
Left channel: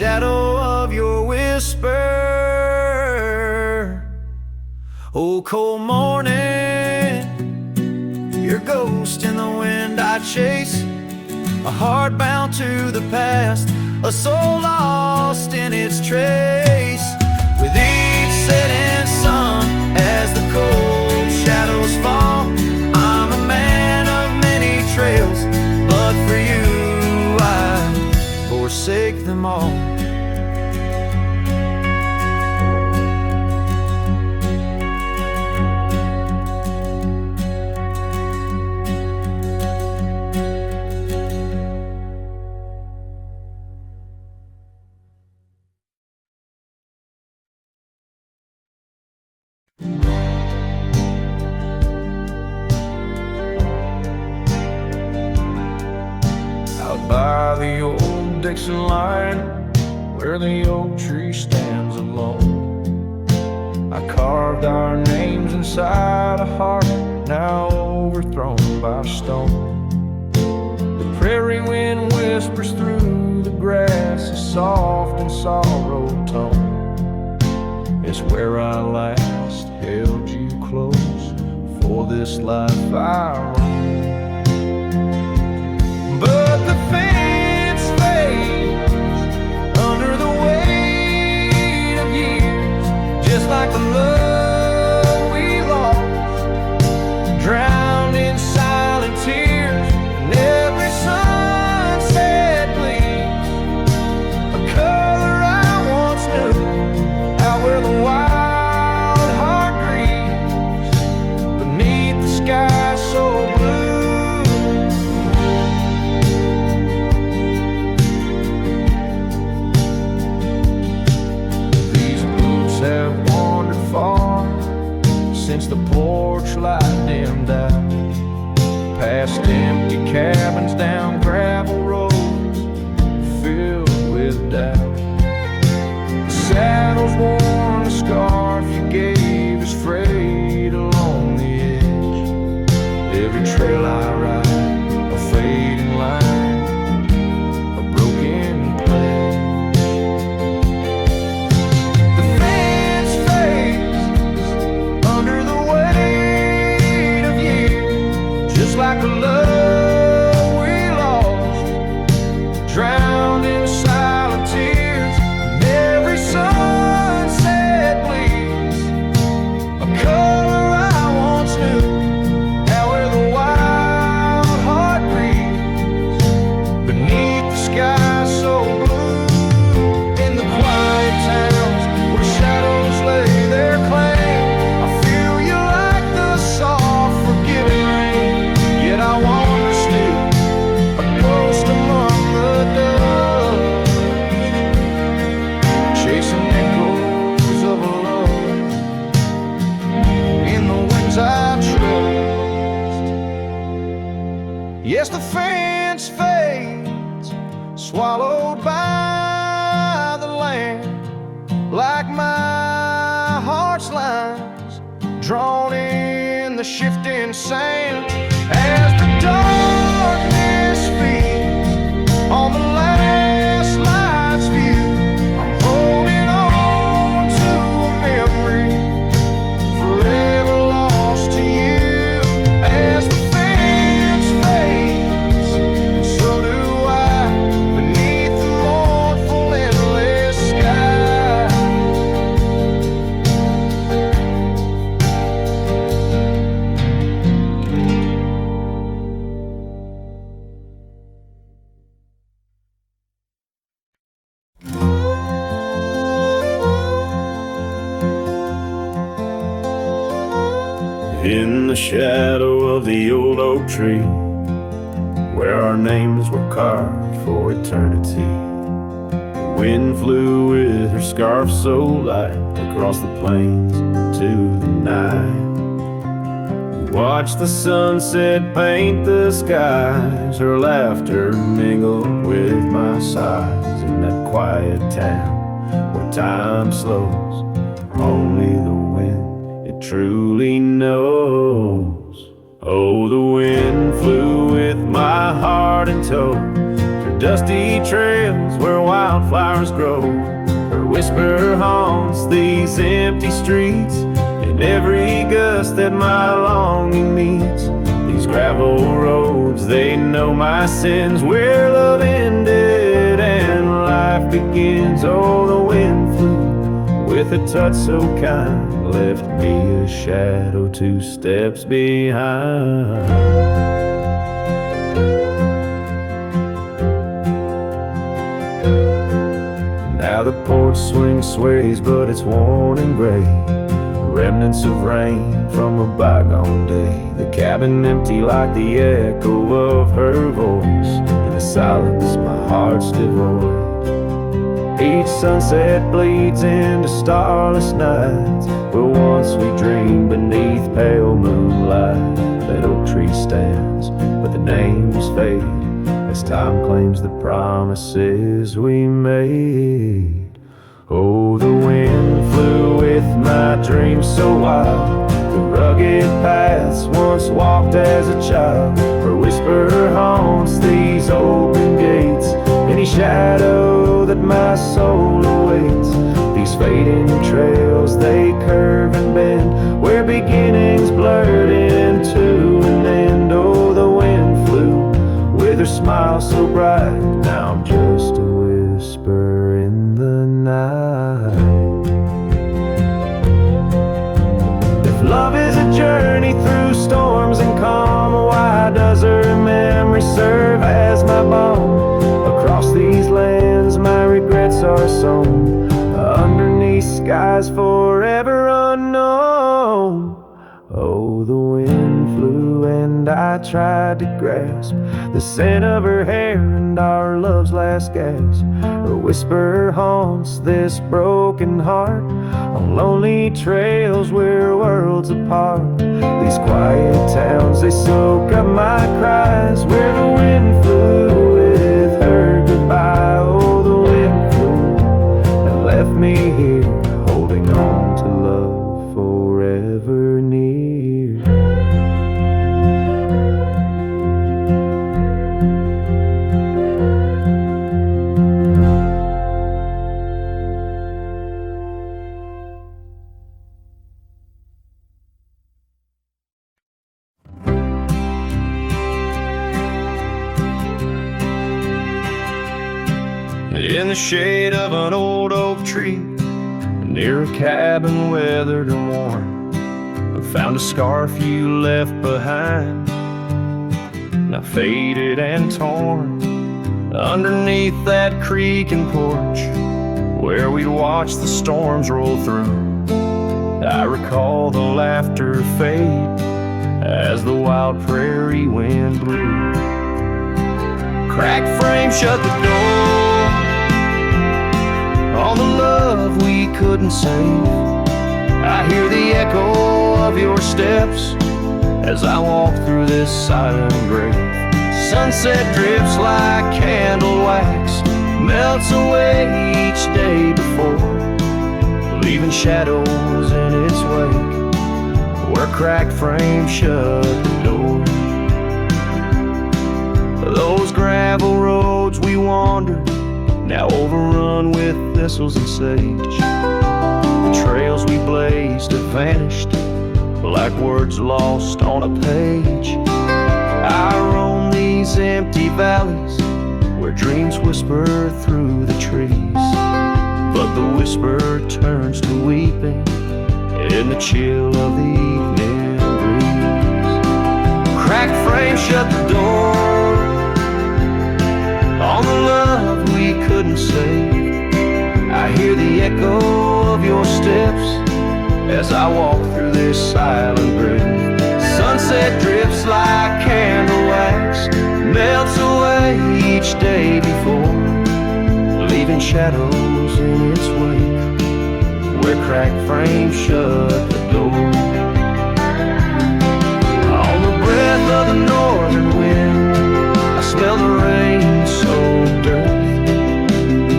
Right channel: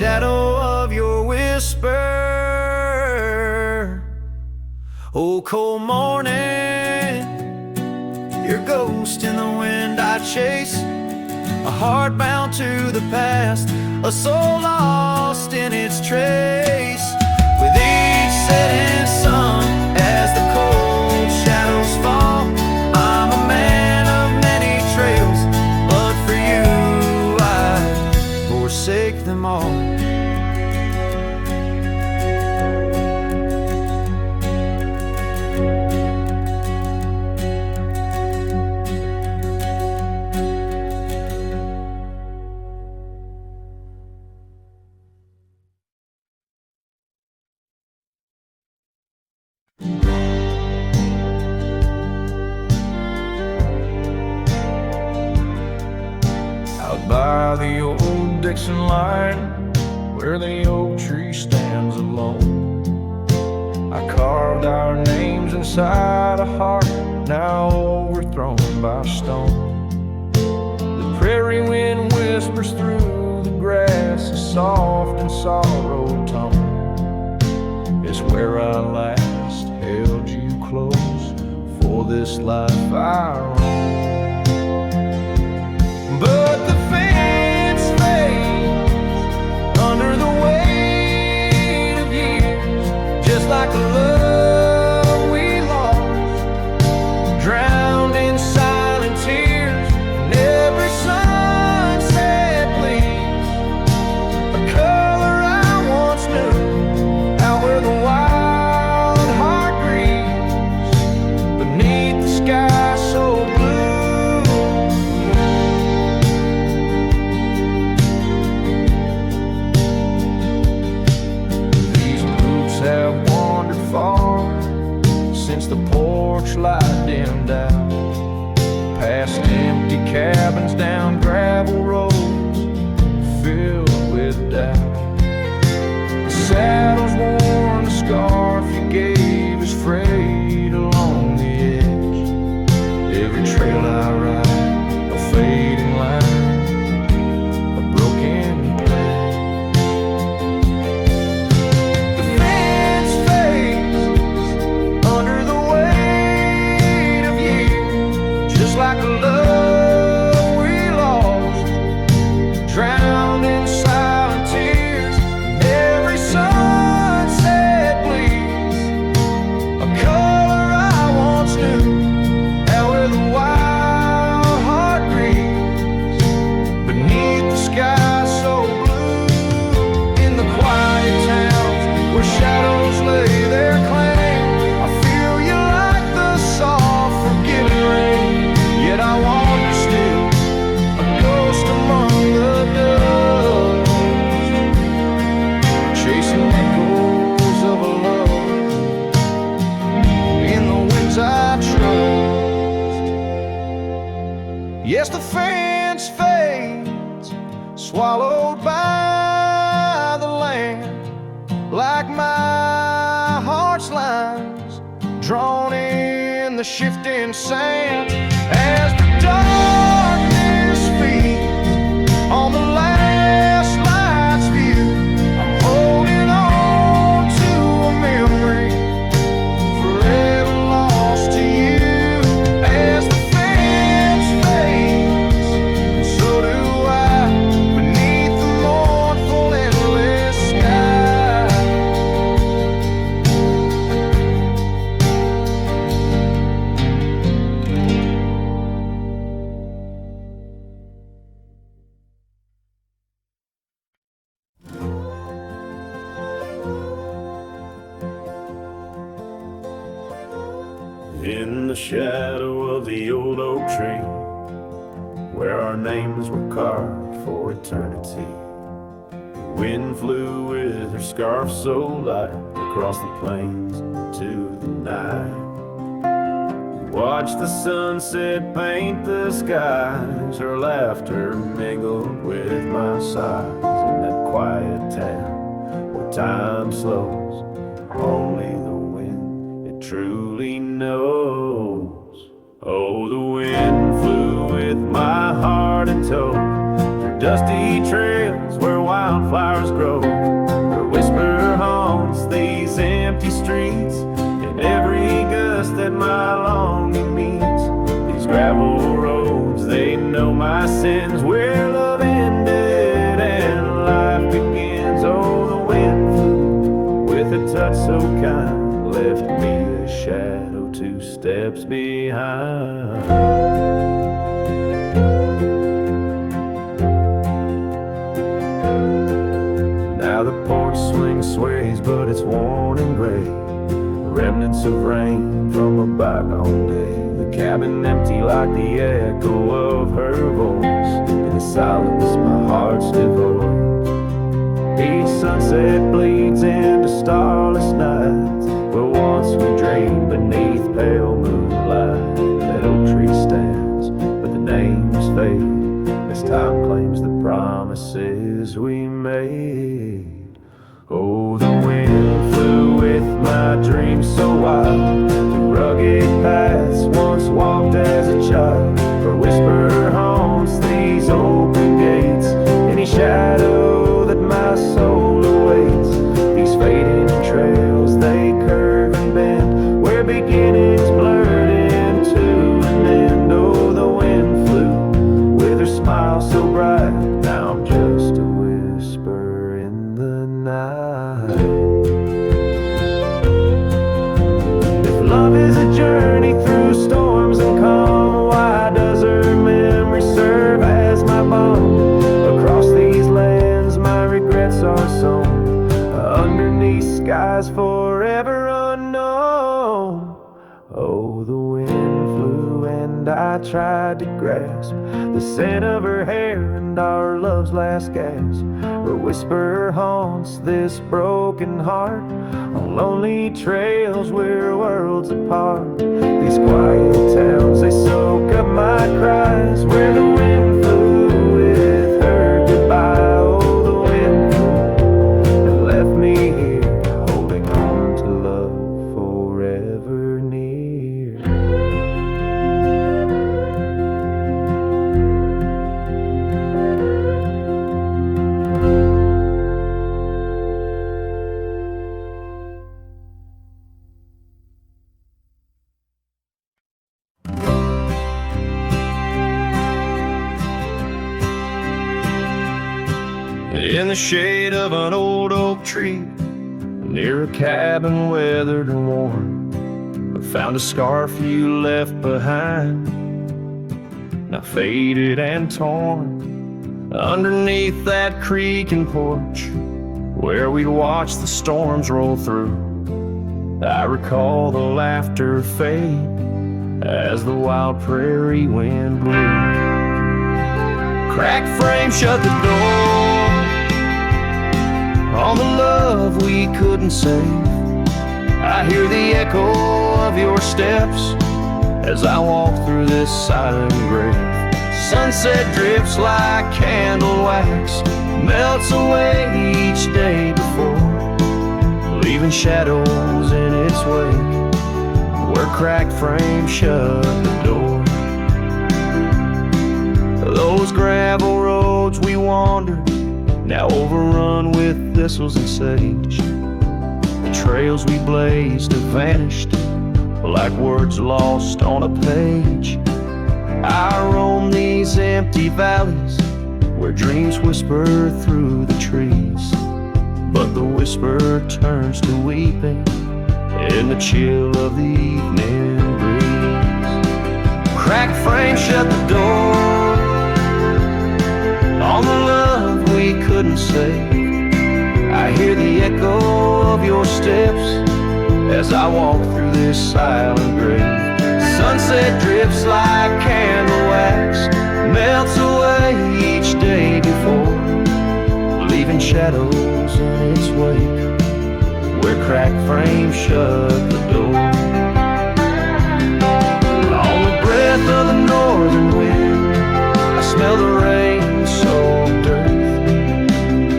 shadow of your whisper. Oh, cold morning, your ghost in the wind I chase, a heart bound to the past, a soul lost in its trace. With each setting sun, as the cold shadows fall, I'm a man of many trails, but for you I'd forsake them all. Out by the old Dixon line, where the oak tree stands alone, I carved our names inside a heart now overthrown by stone. The prairie wind whispers through the grass a soft and sorrowed tone. It's where I last held you close for this life I roam. But the fence fades under the weight of years, just like the love we lost, drowned in silent tears. And every sunset bleeds a color I once knew, out where the wild heart grieves beneath the sky so blue. Have wandered far since the porch light dimmed out, past empty cabins, down gravel roads filled with doubt. The saddle's worn, the scarf you gave is frayed along the edge. Every trail I ride, a fading line, a broken pledge. Under the weight of years, just like the love we lost, drowned in silent tears. And every sunset bleeds a color I once knew, out where the wild heart grieves beneath the sky so blue. In the quiet towns where shadows lay their claim, I feel you like the soft, forgiving rain. Yet I wander still, a ghost among the dust, chasing echoes of a love in the winds I trust. Yes, the fence fades, swallowed by the land, like my heart's lines drawn in the shifting sand. As the darkness feeds on the last light's view, I'm holding on to a memory forever lost to you. As the fence fades, and so do I, beneath the mournful endless sky. In the shadow of the old oak tree, where our names were carved for eternity, the wind flew with her scarf so light across the plains to the night. Watch the sunset paint the skies, her laughter mingled with my sighs. In that quiet town where time slows, only the wind truly knows. Oh, the wind flew with my heart in tow, through dusty trails where wildflowers grow. Her whisper haunts these empty streets, and every gust that my longing meets. These gravel roads, they know my sins, where love ended and life begins. Oh, the wind flew with a touch so kind, left me a shadow 2 steps behind. Now the porch swing sways, but it's worn and gray, remnants of rain from a bygone day. The cabin empty like the echo of her voice. In the silence my heart's devoid. Each sunset bleeds into starless nights, where once we dreamed beneath pale moonlight. That oak tree stands, but the names fade as time claims the promises we made. Oh, the wind flew with my dreams so wild, through rugged paths once walked as a child. Her whisper haunts these open gates, any shadow that my soul awaits. These fading trails, they curve and bend, where beginnings blurred into an end. Oh, the wind flew with her smile so bright, now I'm just a whisper in the night. If love is a journey through storms and calm, why does her memory serve as my balm? Across these lands my regrets are sown, underneath skies forever unknown. Oh, the wind flew and I tried to grasp the scent of her hair and our love's last gasp. Her whisper haunts this broken heart on lonely trails we're worlds apart. These quiet towns, they soak up my cries, where the wind flew with her goodbye. Oh, the wind flew and left me here, holding on to love forever near. In the shade of an old oak tree, near a cabin weathered and worn, I found a scarf you left behind, now faded and torn. Underneath that creaking porch, where we'd watch the storms roll through, I recall the laughter fade as the wild prairie wind blew. Cracked frame shut the door on the love we couldn't save. I hear the echo of your steps as I walk through this silent grave. Sunset drifts like candle wax, melts away each day before, leaving shadows in its wake, where cracked frames shut the door. Those gravel roads we wandered, now overrun with thistles and sage. The trails we blazed have vanished, like words lost on a page. I roam these empty valleys, where dreams whisper through the trees, but the whisper turns to weeping in the chill of the evening breeze. Cracked frame shut the door on the love we couldn't save. I hear the echo of your steps as I walk through this silent grave. Sunset drifts like candle wax, melts away each day before, leaving shadows in its wake, where cracked frames shut the door. On the breath of the northern wind, I smell the rain-soaked earth,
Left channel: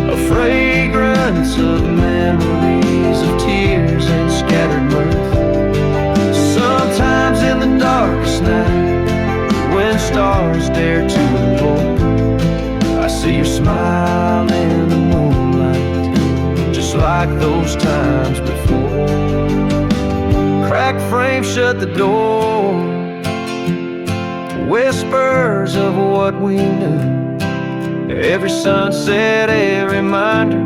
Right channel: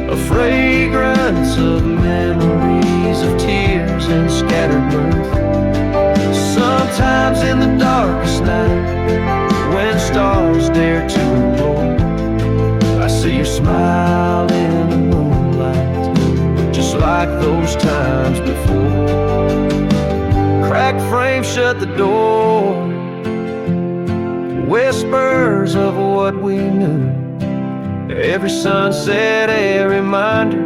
a fragrance of memories of tears and scattered mirth. Sometimes in the darkest night, when stars dare to implore, I see your smile in the moonlight, just like those times before. Cracked frame shut the door, whispers of what we knew. Every sunset, a reminder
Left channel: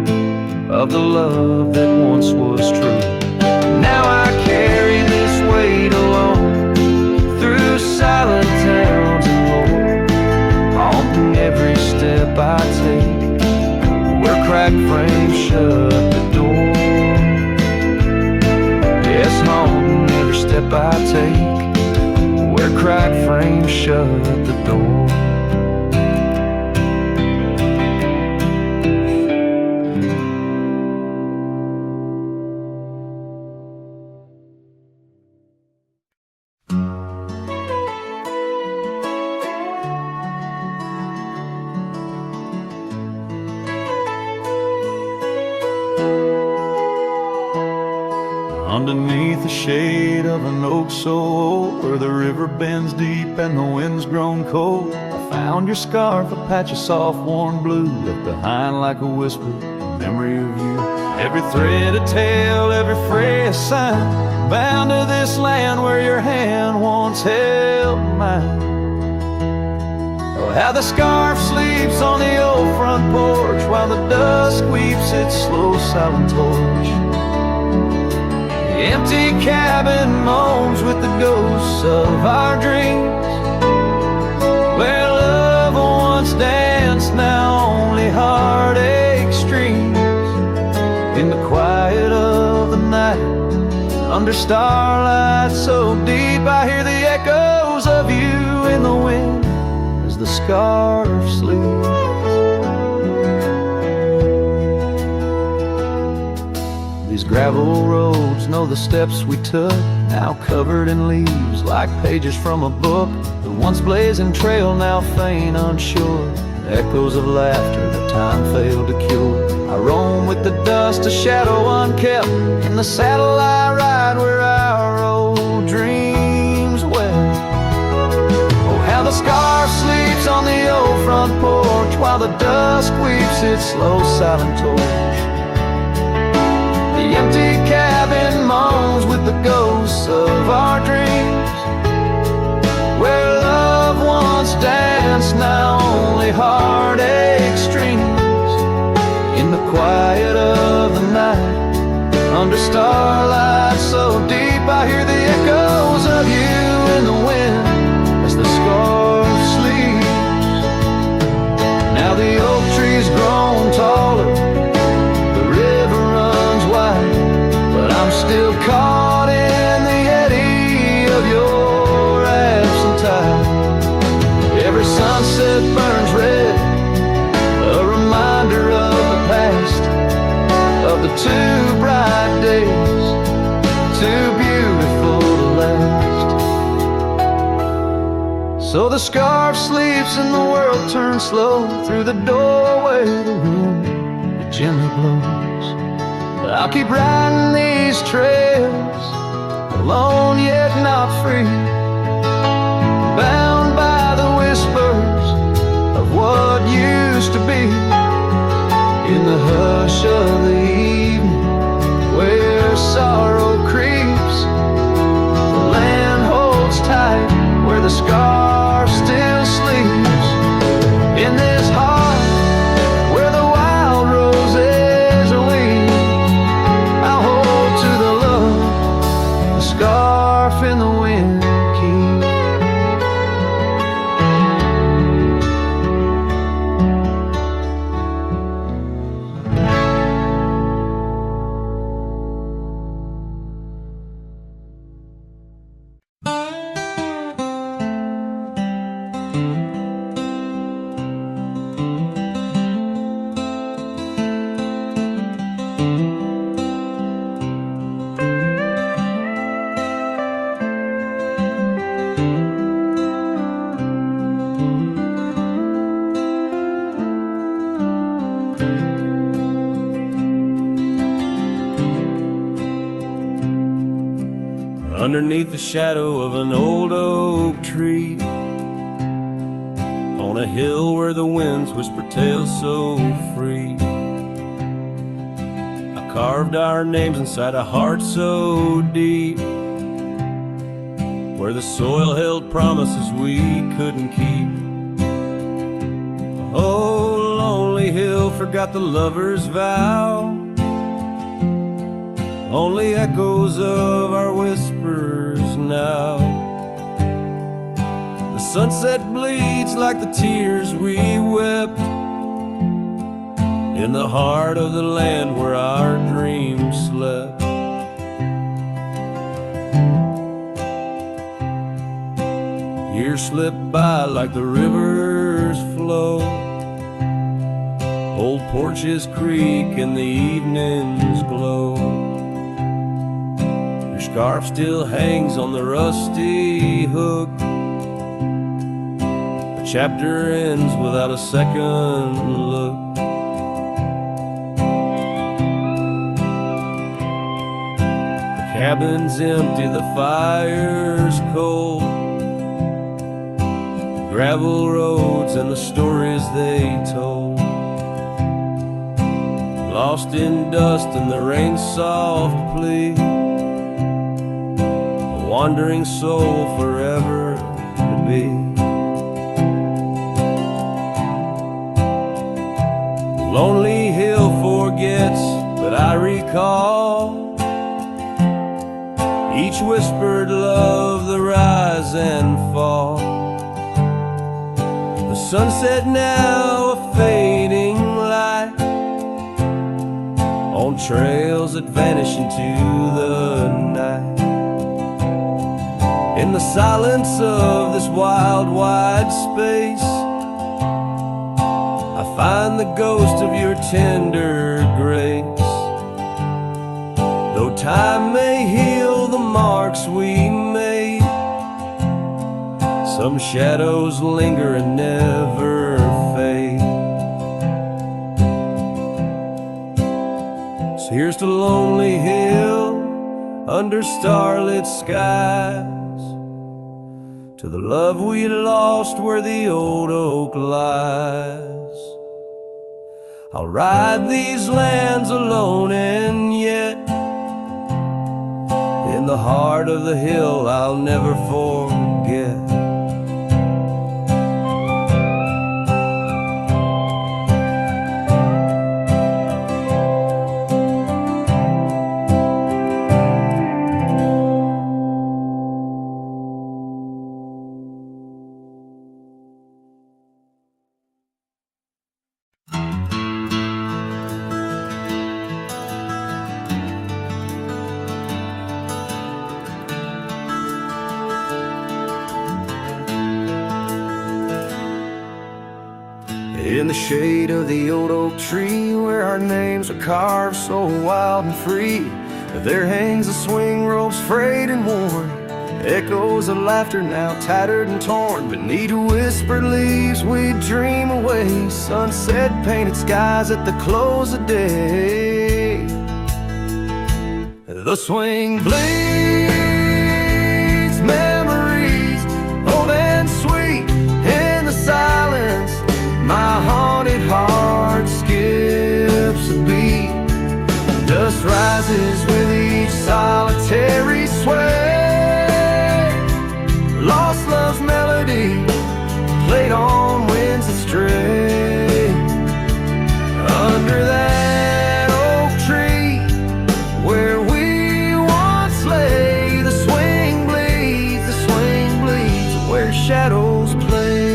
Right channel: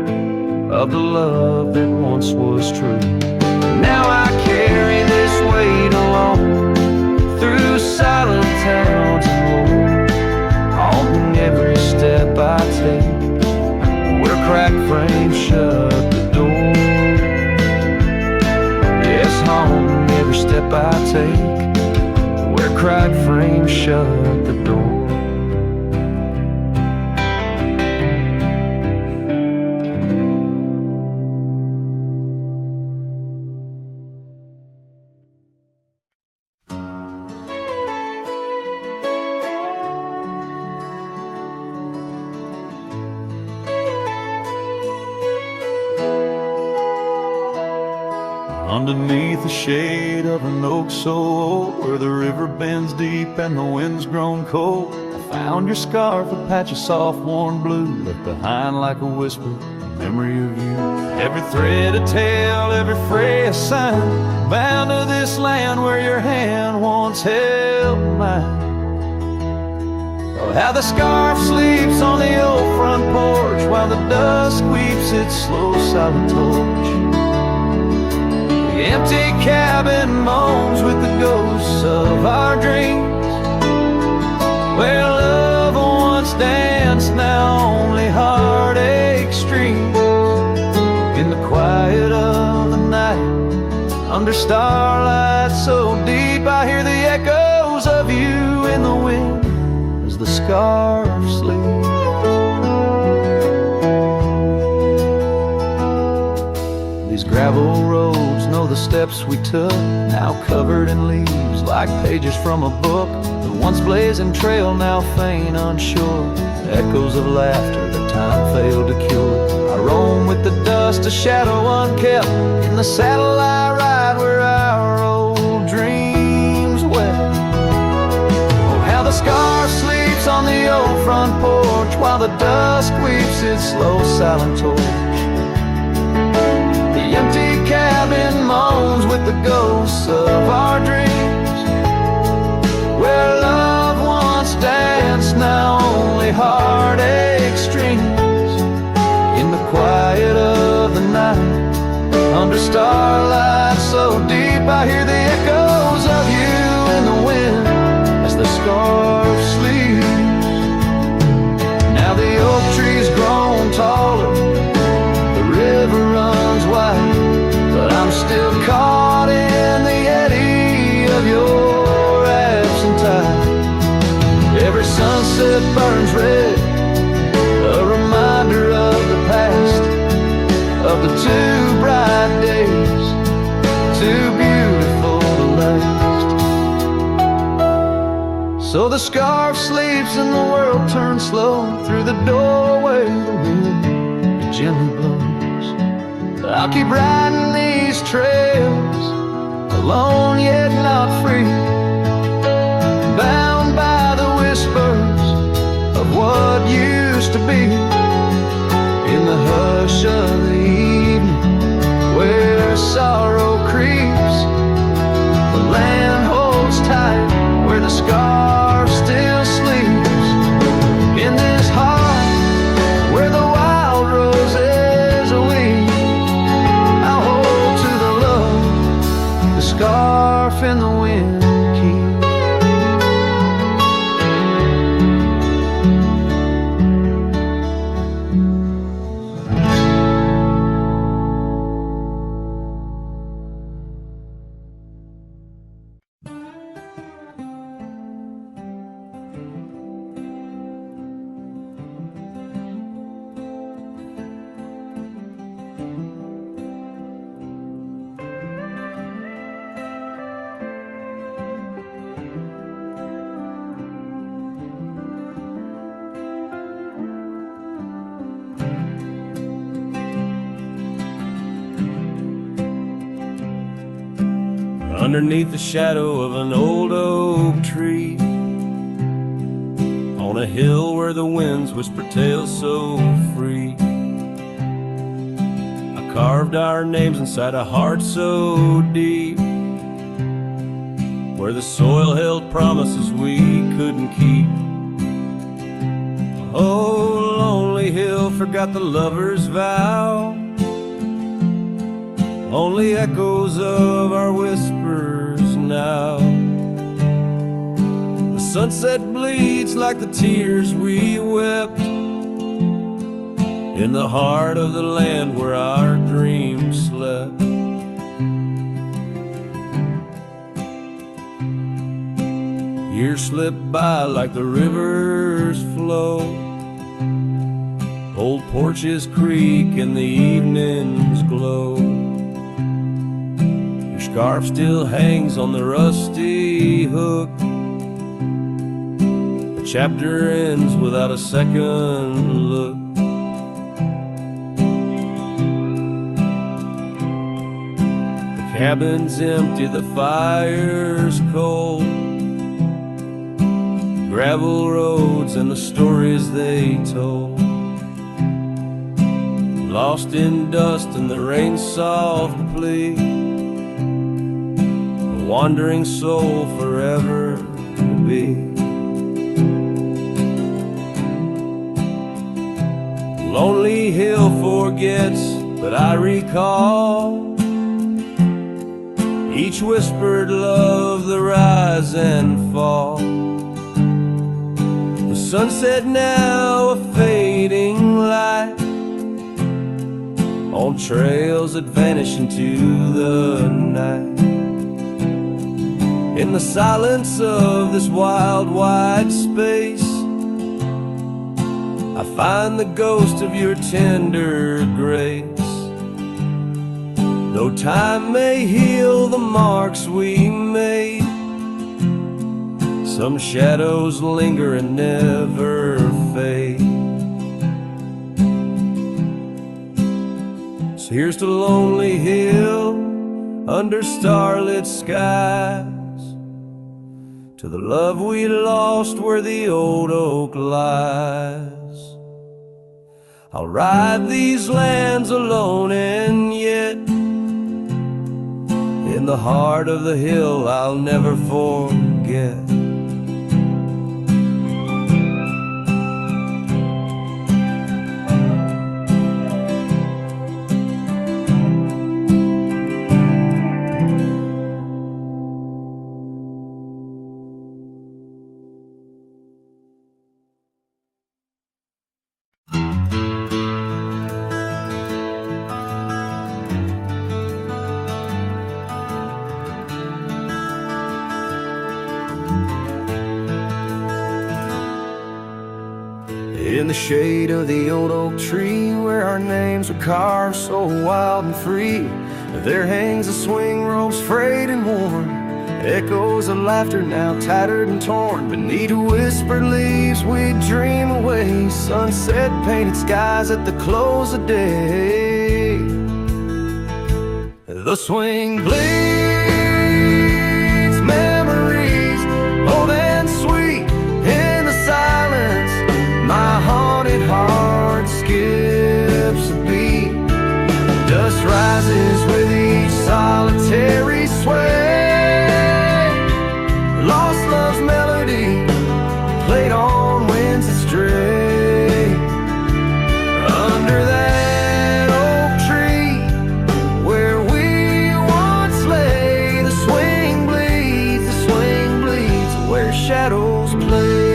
of the love that once was true. Now I carry this weight alone through silent towns and lore, haunting every step I take where cracked frames shut the door. Yes, haunting every step I take where cracked frames shut the door. Underneath the shade of an oak so old, where the river bends deep and the wind's grown cold, I found your scarf, a patch of soft worn blue, left behind like a whisper, a memory of you. Every thread a tale, every fray a sign, bound to this land where your hand once held mine. Oh, how the scarf sleeps on the old front porch, while the dusk weeps its slow silent torch. The empty cabin moans with the ghosts of our dreams, where love once danced, now only heartache streams. In the quiet of the night, under starlight so deep, I hear the echoes of you in the wind as the scarf sleeps. These gravel roads know the steps we took, now covered in leaves like pages from a book. The once blazing trail now faint unsure, the echoes of laughter that time failed to cure. I roam with the dust, a shadow unkept, in the saddle I ride where our old dreams wept. Oh, how the scarf sleeps on the old front porch, while the dusk weeps its slow silent torch. The empty cabin moans with the ghosts of our dreams, where love once danced, now only heartache streams. In the quiet of the night, under starlight so deep, I hear the echoes of you in the wind as the scarf sleeps. Now the oak tree's grown taller, the river runs wide, but I'm still caught in the eddy of your absent tide. Every sunset burns red, a reminder of the past, of the too bright days, too beautiful to last. So the scarf sleeps and the world turns slow, through the doorway the wind it gently blows. I'll keep riding these trails, alone yet not free, bound by the whispers of what used to be. In the hush of the evening, where sorrow creeps, the land holds tight where the scarf still sleeps. In this heart where the wild roses weep, I'll hold to the love the scarf in the wind keeps. Underneath the shadow of an old oak tree, on a hill where the winds whisper tales so free. I carved our names inside a heart so deep, where the soil held promises we couldn't keep. Oh, lonely hill forgot the lover's vow, only echoes of our whispers now. The sunset bleeds like the tears we wept in the heart of the land where our dreams slept. Years slip by like the rivers flow, old porches creak and the evenings glow. Your scarf still hangs on the rusty hook, the chapter ends without a second look. The cabin's empty, the fire's cold, gravel roads and the stories they told, lost in dust and the rain's soft plea, a wandering soul forever to be. Lonely hill forgets, but I recall each whispered love, the rise and fall. The sunset now a fading light on trails that vanish into the night. In the silence of this wild, wide space, I find the ghost of your tender grace. Though time may heal the marks we made, some shadows linger and never fade. So here's to Lonely Hill under starlit skies, to the love we lost where the old oak lies. I'll ride these lands alone, and yet in the heart of the hill I'll never forget. In the shade of the old oak tree, where our names are carved so wild and free, there hangs a swing rope's frayed and worn, echoes of laughter now tattered and torn. Beneath whispered leaves we dream away, sunset painted skies at the close of day. The swing bleeds memories old and sweet in the silence. My haunted heart skips a beat. Dust rises with each solitary sway. Lost love's melody played on winds that stray. Under that oak tree where we once lay, the swing bleeds where shadows play.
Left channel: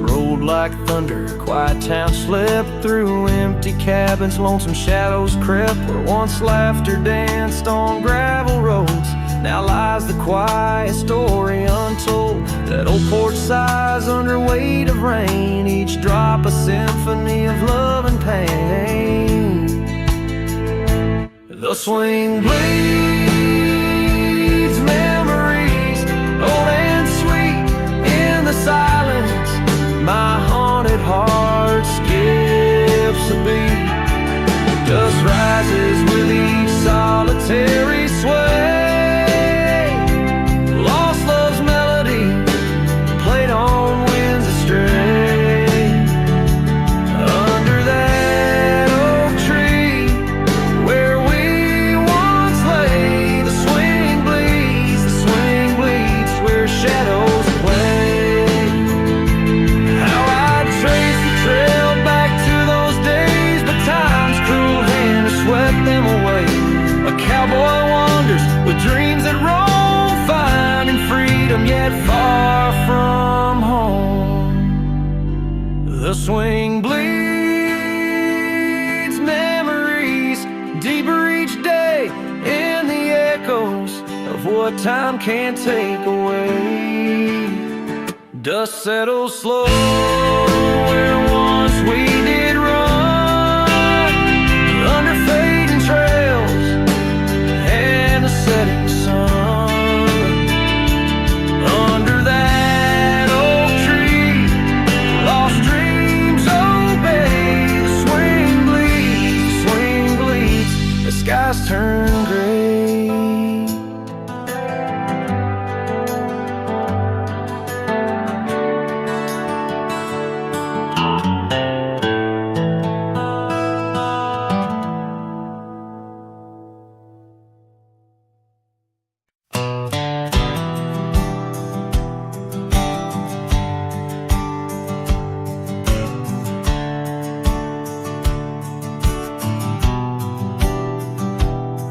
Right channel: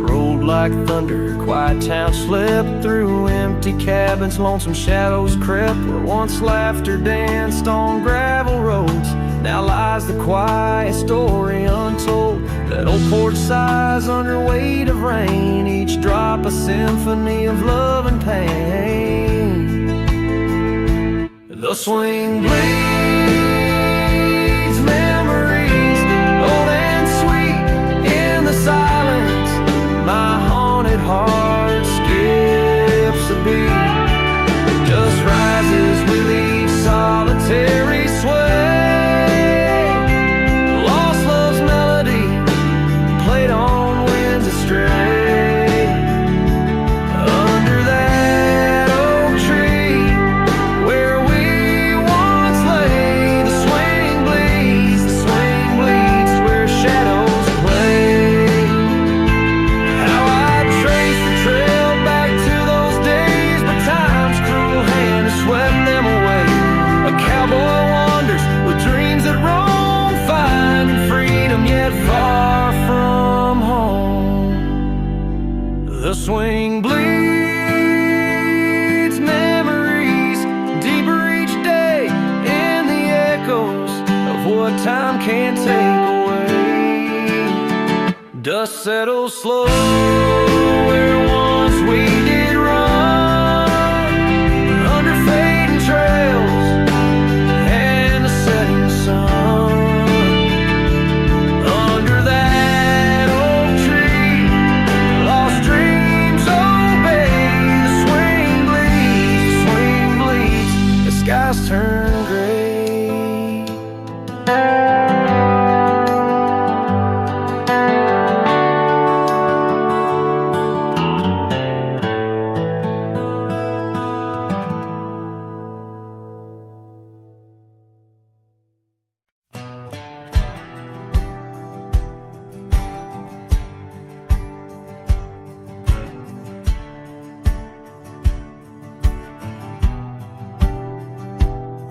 Rolled like thunder, quiet town slept through empty cabins, lonesome shadows crept where once laughter danced on gravel roads. Now lies the quiet story untold, that old porch sighs under weight of rain, each drop a symphony of love and pain. The swing bleeds memories old and sweet in the silence. My haunted heart skips skips a beat, just rises with each solitary sway. Lost love's melody, played on winds astray. Under that oak tree where we once lay, the swing bleeds where shadows play. How I'd trace the trail back to those days, but time's cruel hand has swept them away. A cowboy wanders with dreams that roam, finding freedom yet far from home. The swing bleeds memories deeper each day in the echoes of what time can't take away. Dust settles slow where once we did run, under fading trails and the setting sun. Under that oak tree, lost dreams obey. The swing bleeds, the skies turn gray.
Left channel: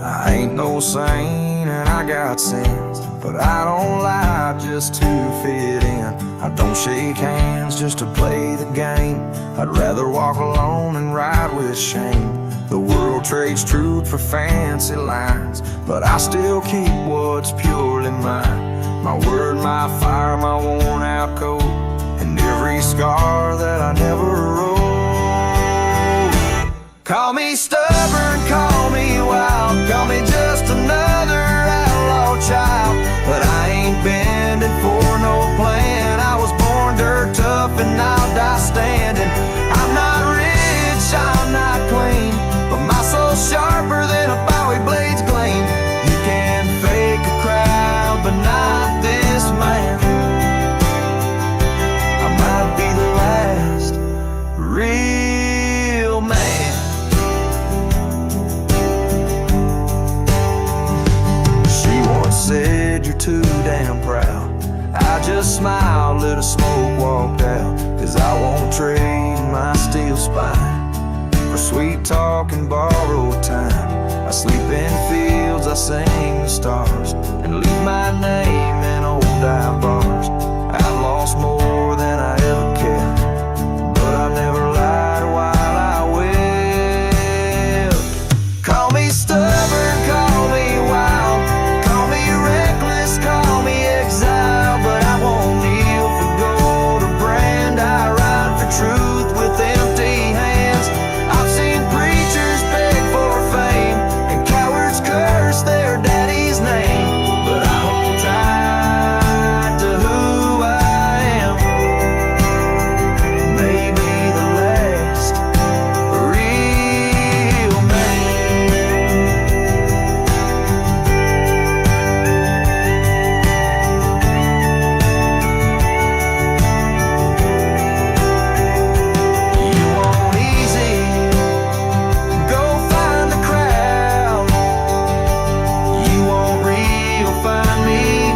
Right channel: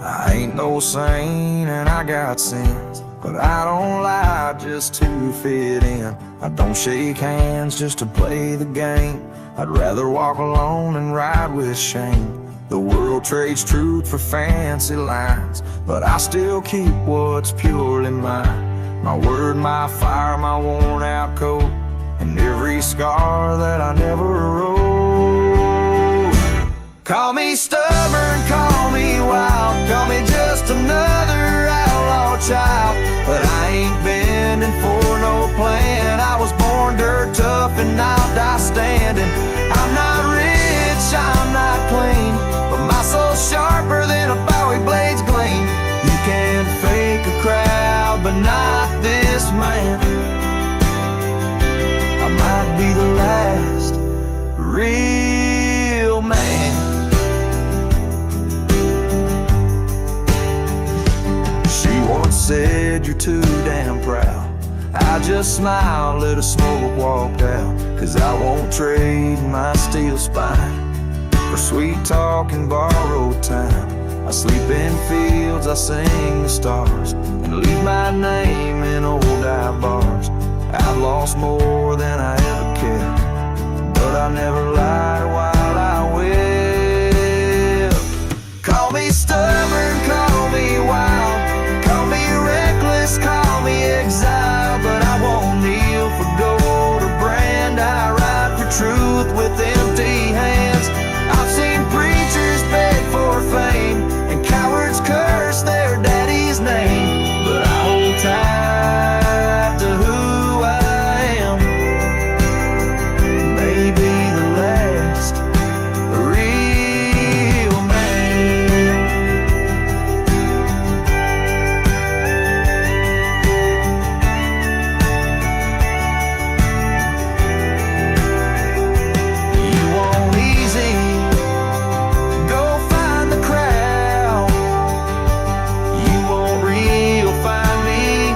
I ain't no saint and I got sins, but I don't lie just to fit in. I don't shake hands just to play the game. I'd rather walk alone and ride with shame. The world trades truth for fancy lines, but I still keep what's purely mine. My word, my fire, my worn out coat, and every scar that I never wrote. Call me stubborn, call me wild, call me just another outlaw child, but I ain't bending for no plan. I was born dirt tough and I'll die standing. I'm not rich, I'm not clean, but my soul's sharper than a Bowie blade's gleam. You can fake a crowd, but not this man. I might be the last real man. She once said, you're too damn proud. I just smiled, lit a smoke, walked out, 'cause I won't trade my steel spine for sweet talk and borrowed time. I sleep in fields, I sing the stars, and leave my name in old dive bars. I've lost more than I ever kept, but I never lied while I wept. Call me stubborn, call me wild, call me reckless, call me exile, but I won't kneel for gold or brand. I ride for truth with empty hands. I've seen preachers beg for fame and cowards curse their daddy's name, but I hold tight to who I am. Maybe the last real man. You want easy, go find the crowd. You want real, find me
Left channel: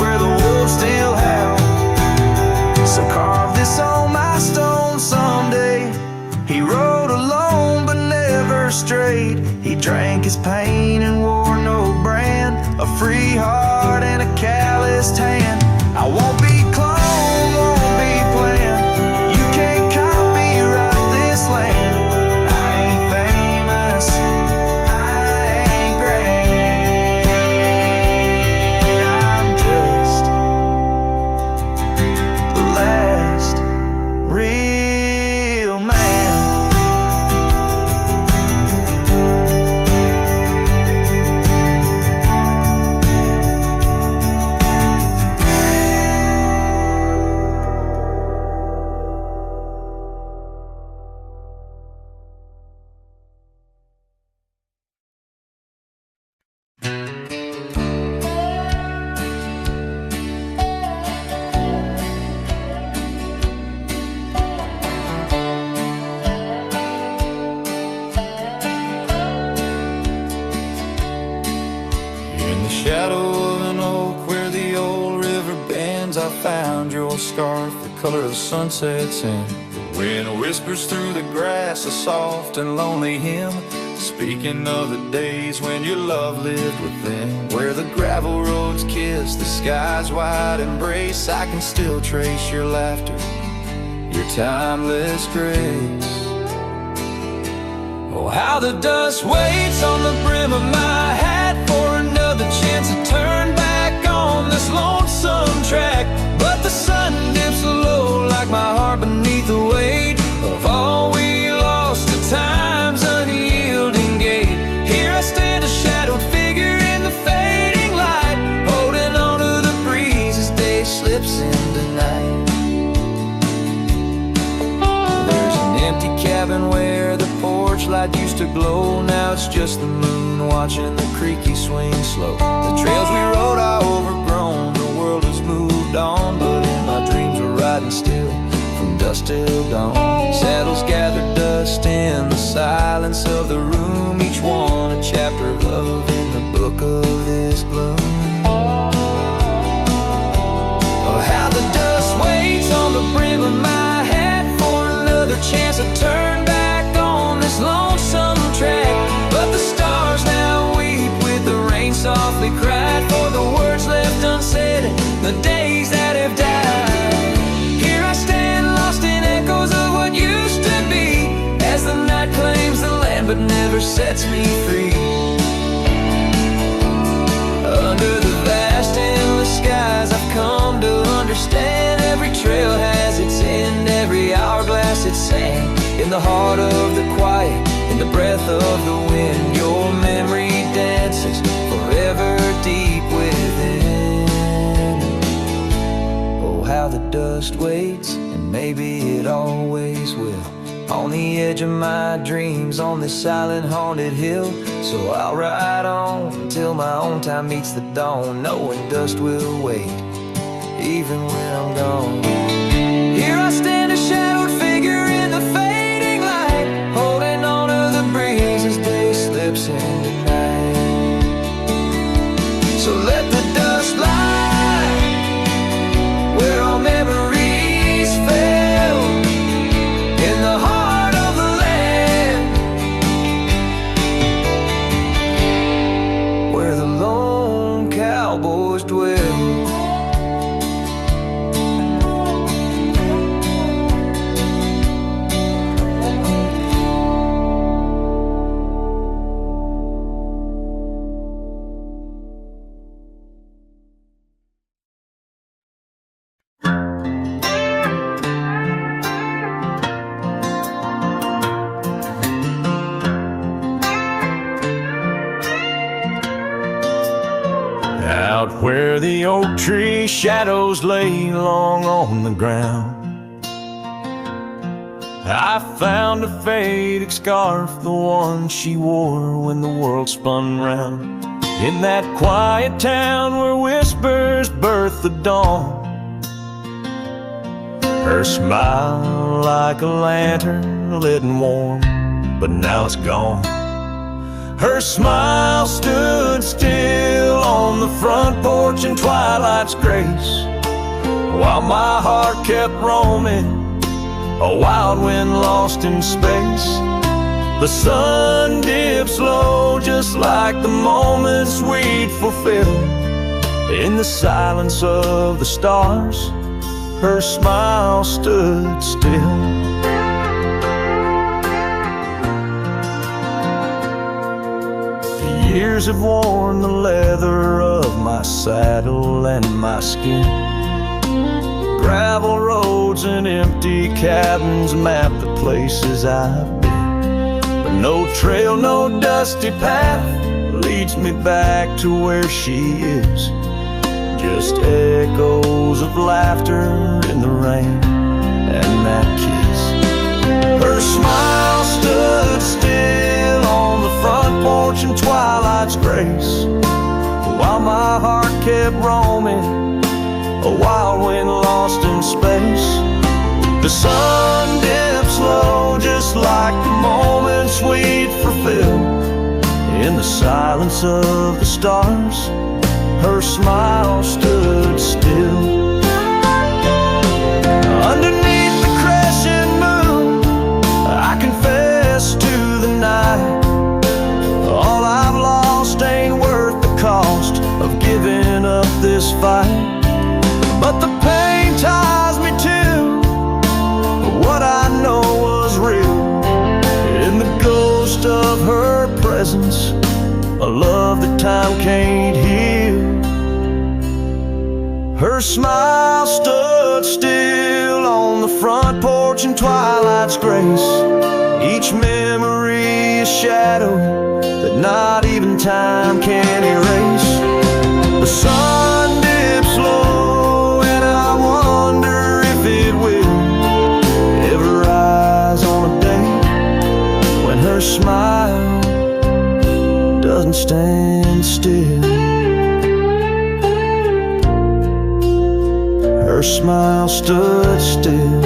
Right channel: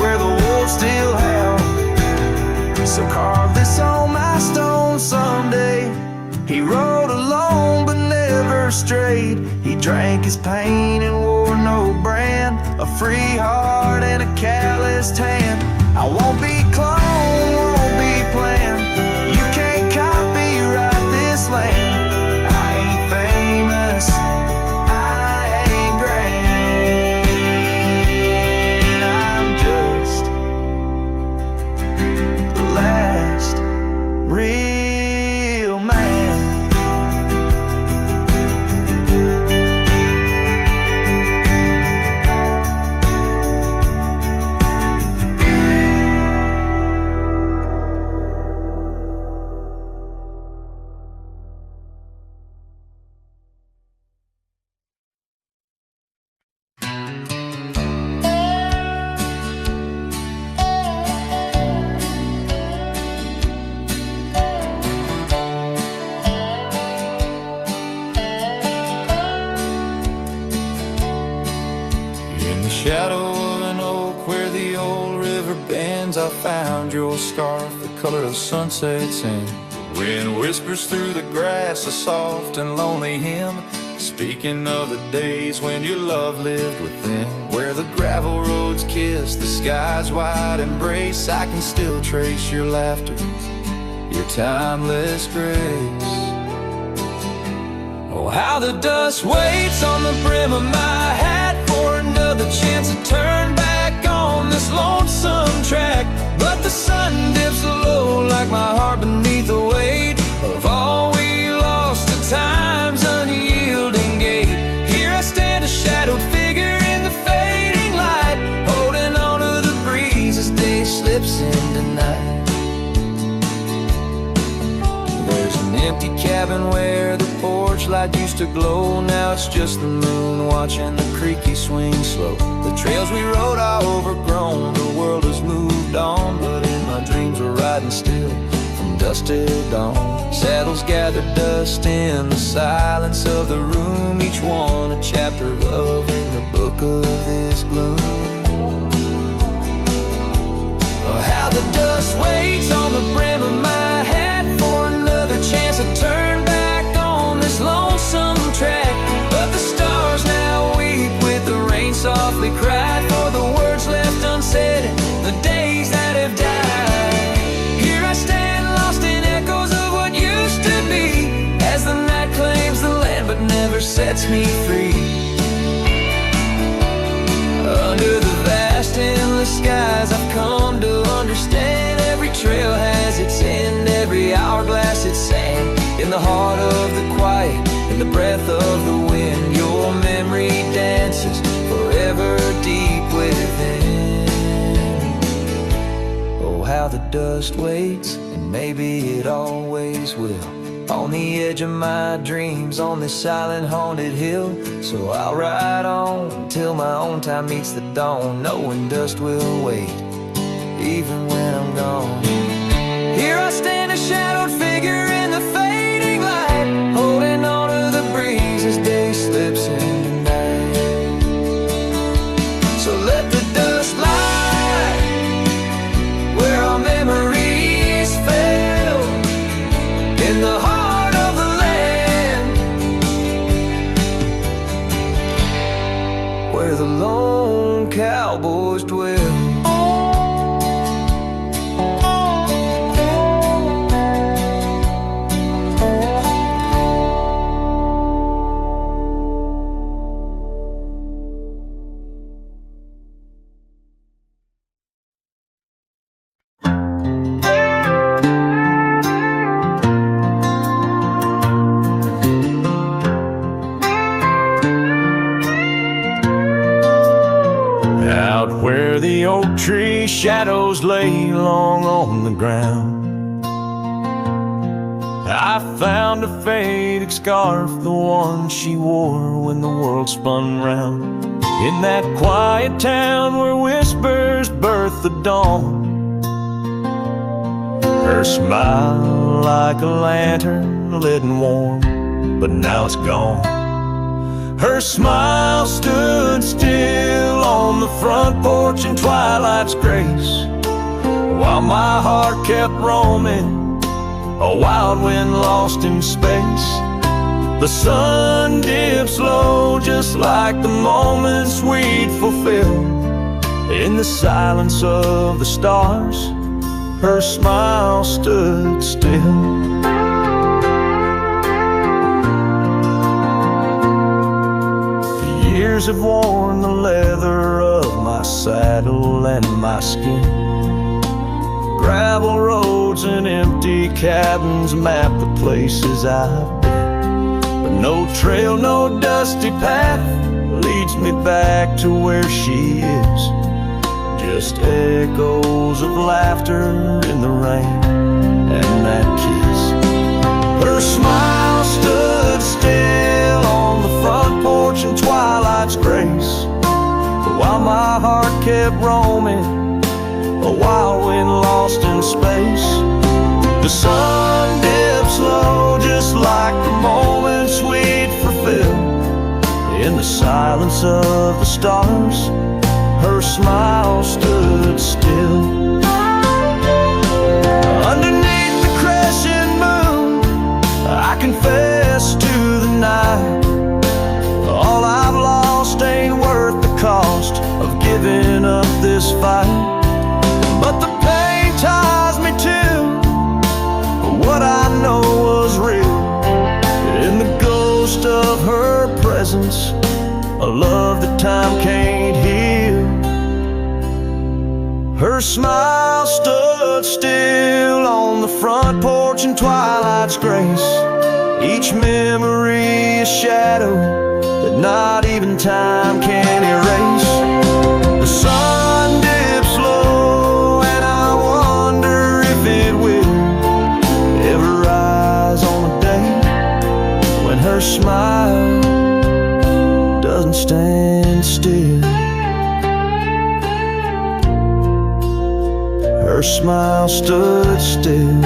where the wolves still howl. So carve this on my stone someday. He rode alone but never strayed. He drank his pain and wore no brand. A free heart and a calloused hand. I won't be cloned, won't be planned. You can't copyright this land. I ain't famous, I ain't grand. I'm just the last real man. I found your scarf, the color of sunsets, and the wind whispers through the grass, a soft and lonely hymn, speaking of the days when your love lived within. Where the gravel roads kiss the sky's wide embrace, I can still trace your laughter, your timeless grace. Oh, how the dust waits on the brim of my hat for another chance to turn back on this lonesome track. But the sun dips low like my heart beneath the weight of all we lost to time's unyielding gate. Here I stand, a shadowed figure in the fading light, holding on to the breeze as day slips into night. There's an empty cabin where the porch light used to glow. Now it's just the moon watching the creaky swing slow. The trails we rode are overgrown, the world has moved on, but in my dreams we're riding still from dusk till dawn. Saddles gather dust in the silence of the room, each one a chapter of love in the book of this gloom. Oh, how the dust waits on the brim of my hat for another chance to turn back on this lonesome track. But the stars now weep with the rain softly cried for the words left unsaid, the days that have died. Here I stand lost in echoes of what used to be, as the night claims the land but never sets me free. Under the vast endless skies I've come to understand, every trail has its end, every hourglass its sand. In the heart of the quiet, in the breath of the wind, your memory dances forever deep within. Oh, how the dust waits, and maybe it always will, on the edge of my dreams, on this silent haunted hill. So I'll ride on until my own time meets the dawn, knowing dust will wait, even when I'm gone. Here I stand, a shadowed figure in the fading light, holding on to the breeze as day slips into night. So let the dust lie where our memories fell, in the heart of the land, where the lone cowboys dwell. Out where the oak tree shadows lay long on the ground, I found a faded scarf, the one she wore when the world spun round. In that quiet town where whispers birth the dawn, her smile like a lantern lit and warm, but now it's gone. Her smile stood still on the front porch in twilight's grace, while my heart kept roaming, a wild wind lost in space. The sun dips low just like the moments we'd fulfill. In the silence of the stars, her smile stood still. Years have worn the leather of my saddle and my skin. Gravel roads and empty cabins map the places I've been, but no trail, no dusty path leads me back to where she is. Just echoes of laughter in the rain and that kiss. Her smile stood still on the front porch in twilight's grace, while my heart kept roaming, a wild wind lost in space. The sun dips low just like the moments we'd fulfill. In the silence of the stars, her smile stood still. Underneath the crescent moon, I confess to the night, all I've lost ain't worth the cost of giving up this fight. But the pain ties me to what I know was real, in the ghost of her presence, a love that time can't heal. Her smile stood still on the front porch in twilight's grace, each memory a shadow that not even time can erase. The sun dips low and I wonder if it will ever rise on a day when her smile doesn't stand still. Her smile stood still,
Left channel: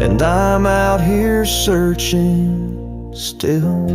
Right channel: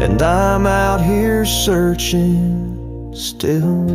and I'm out here searching still.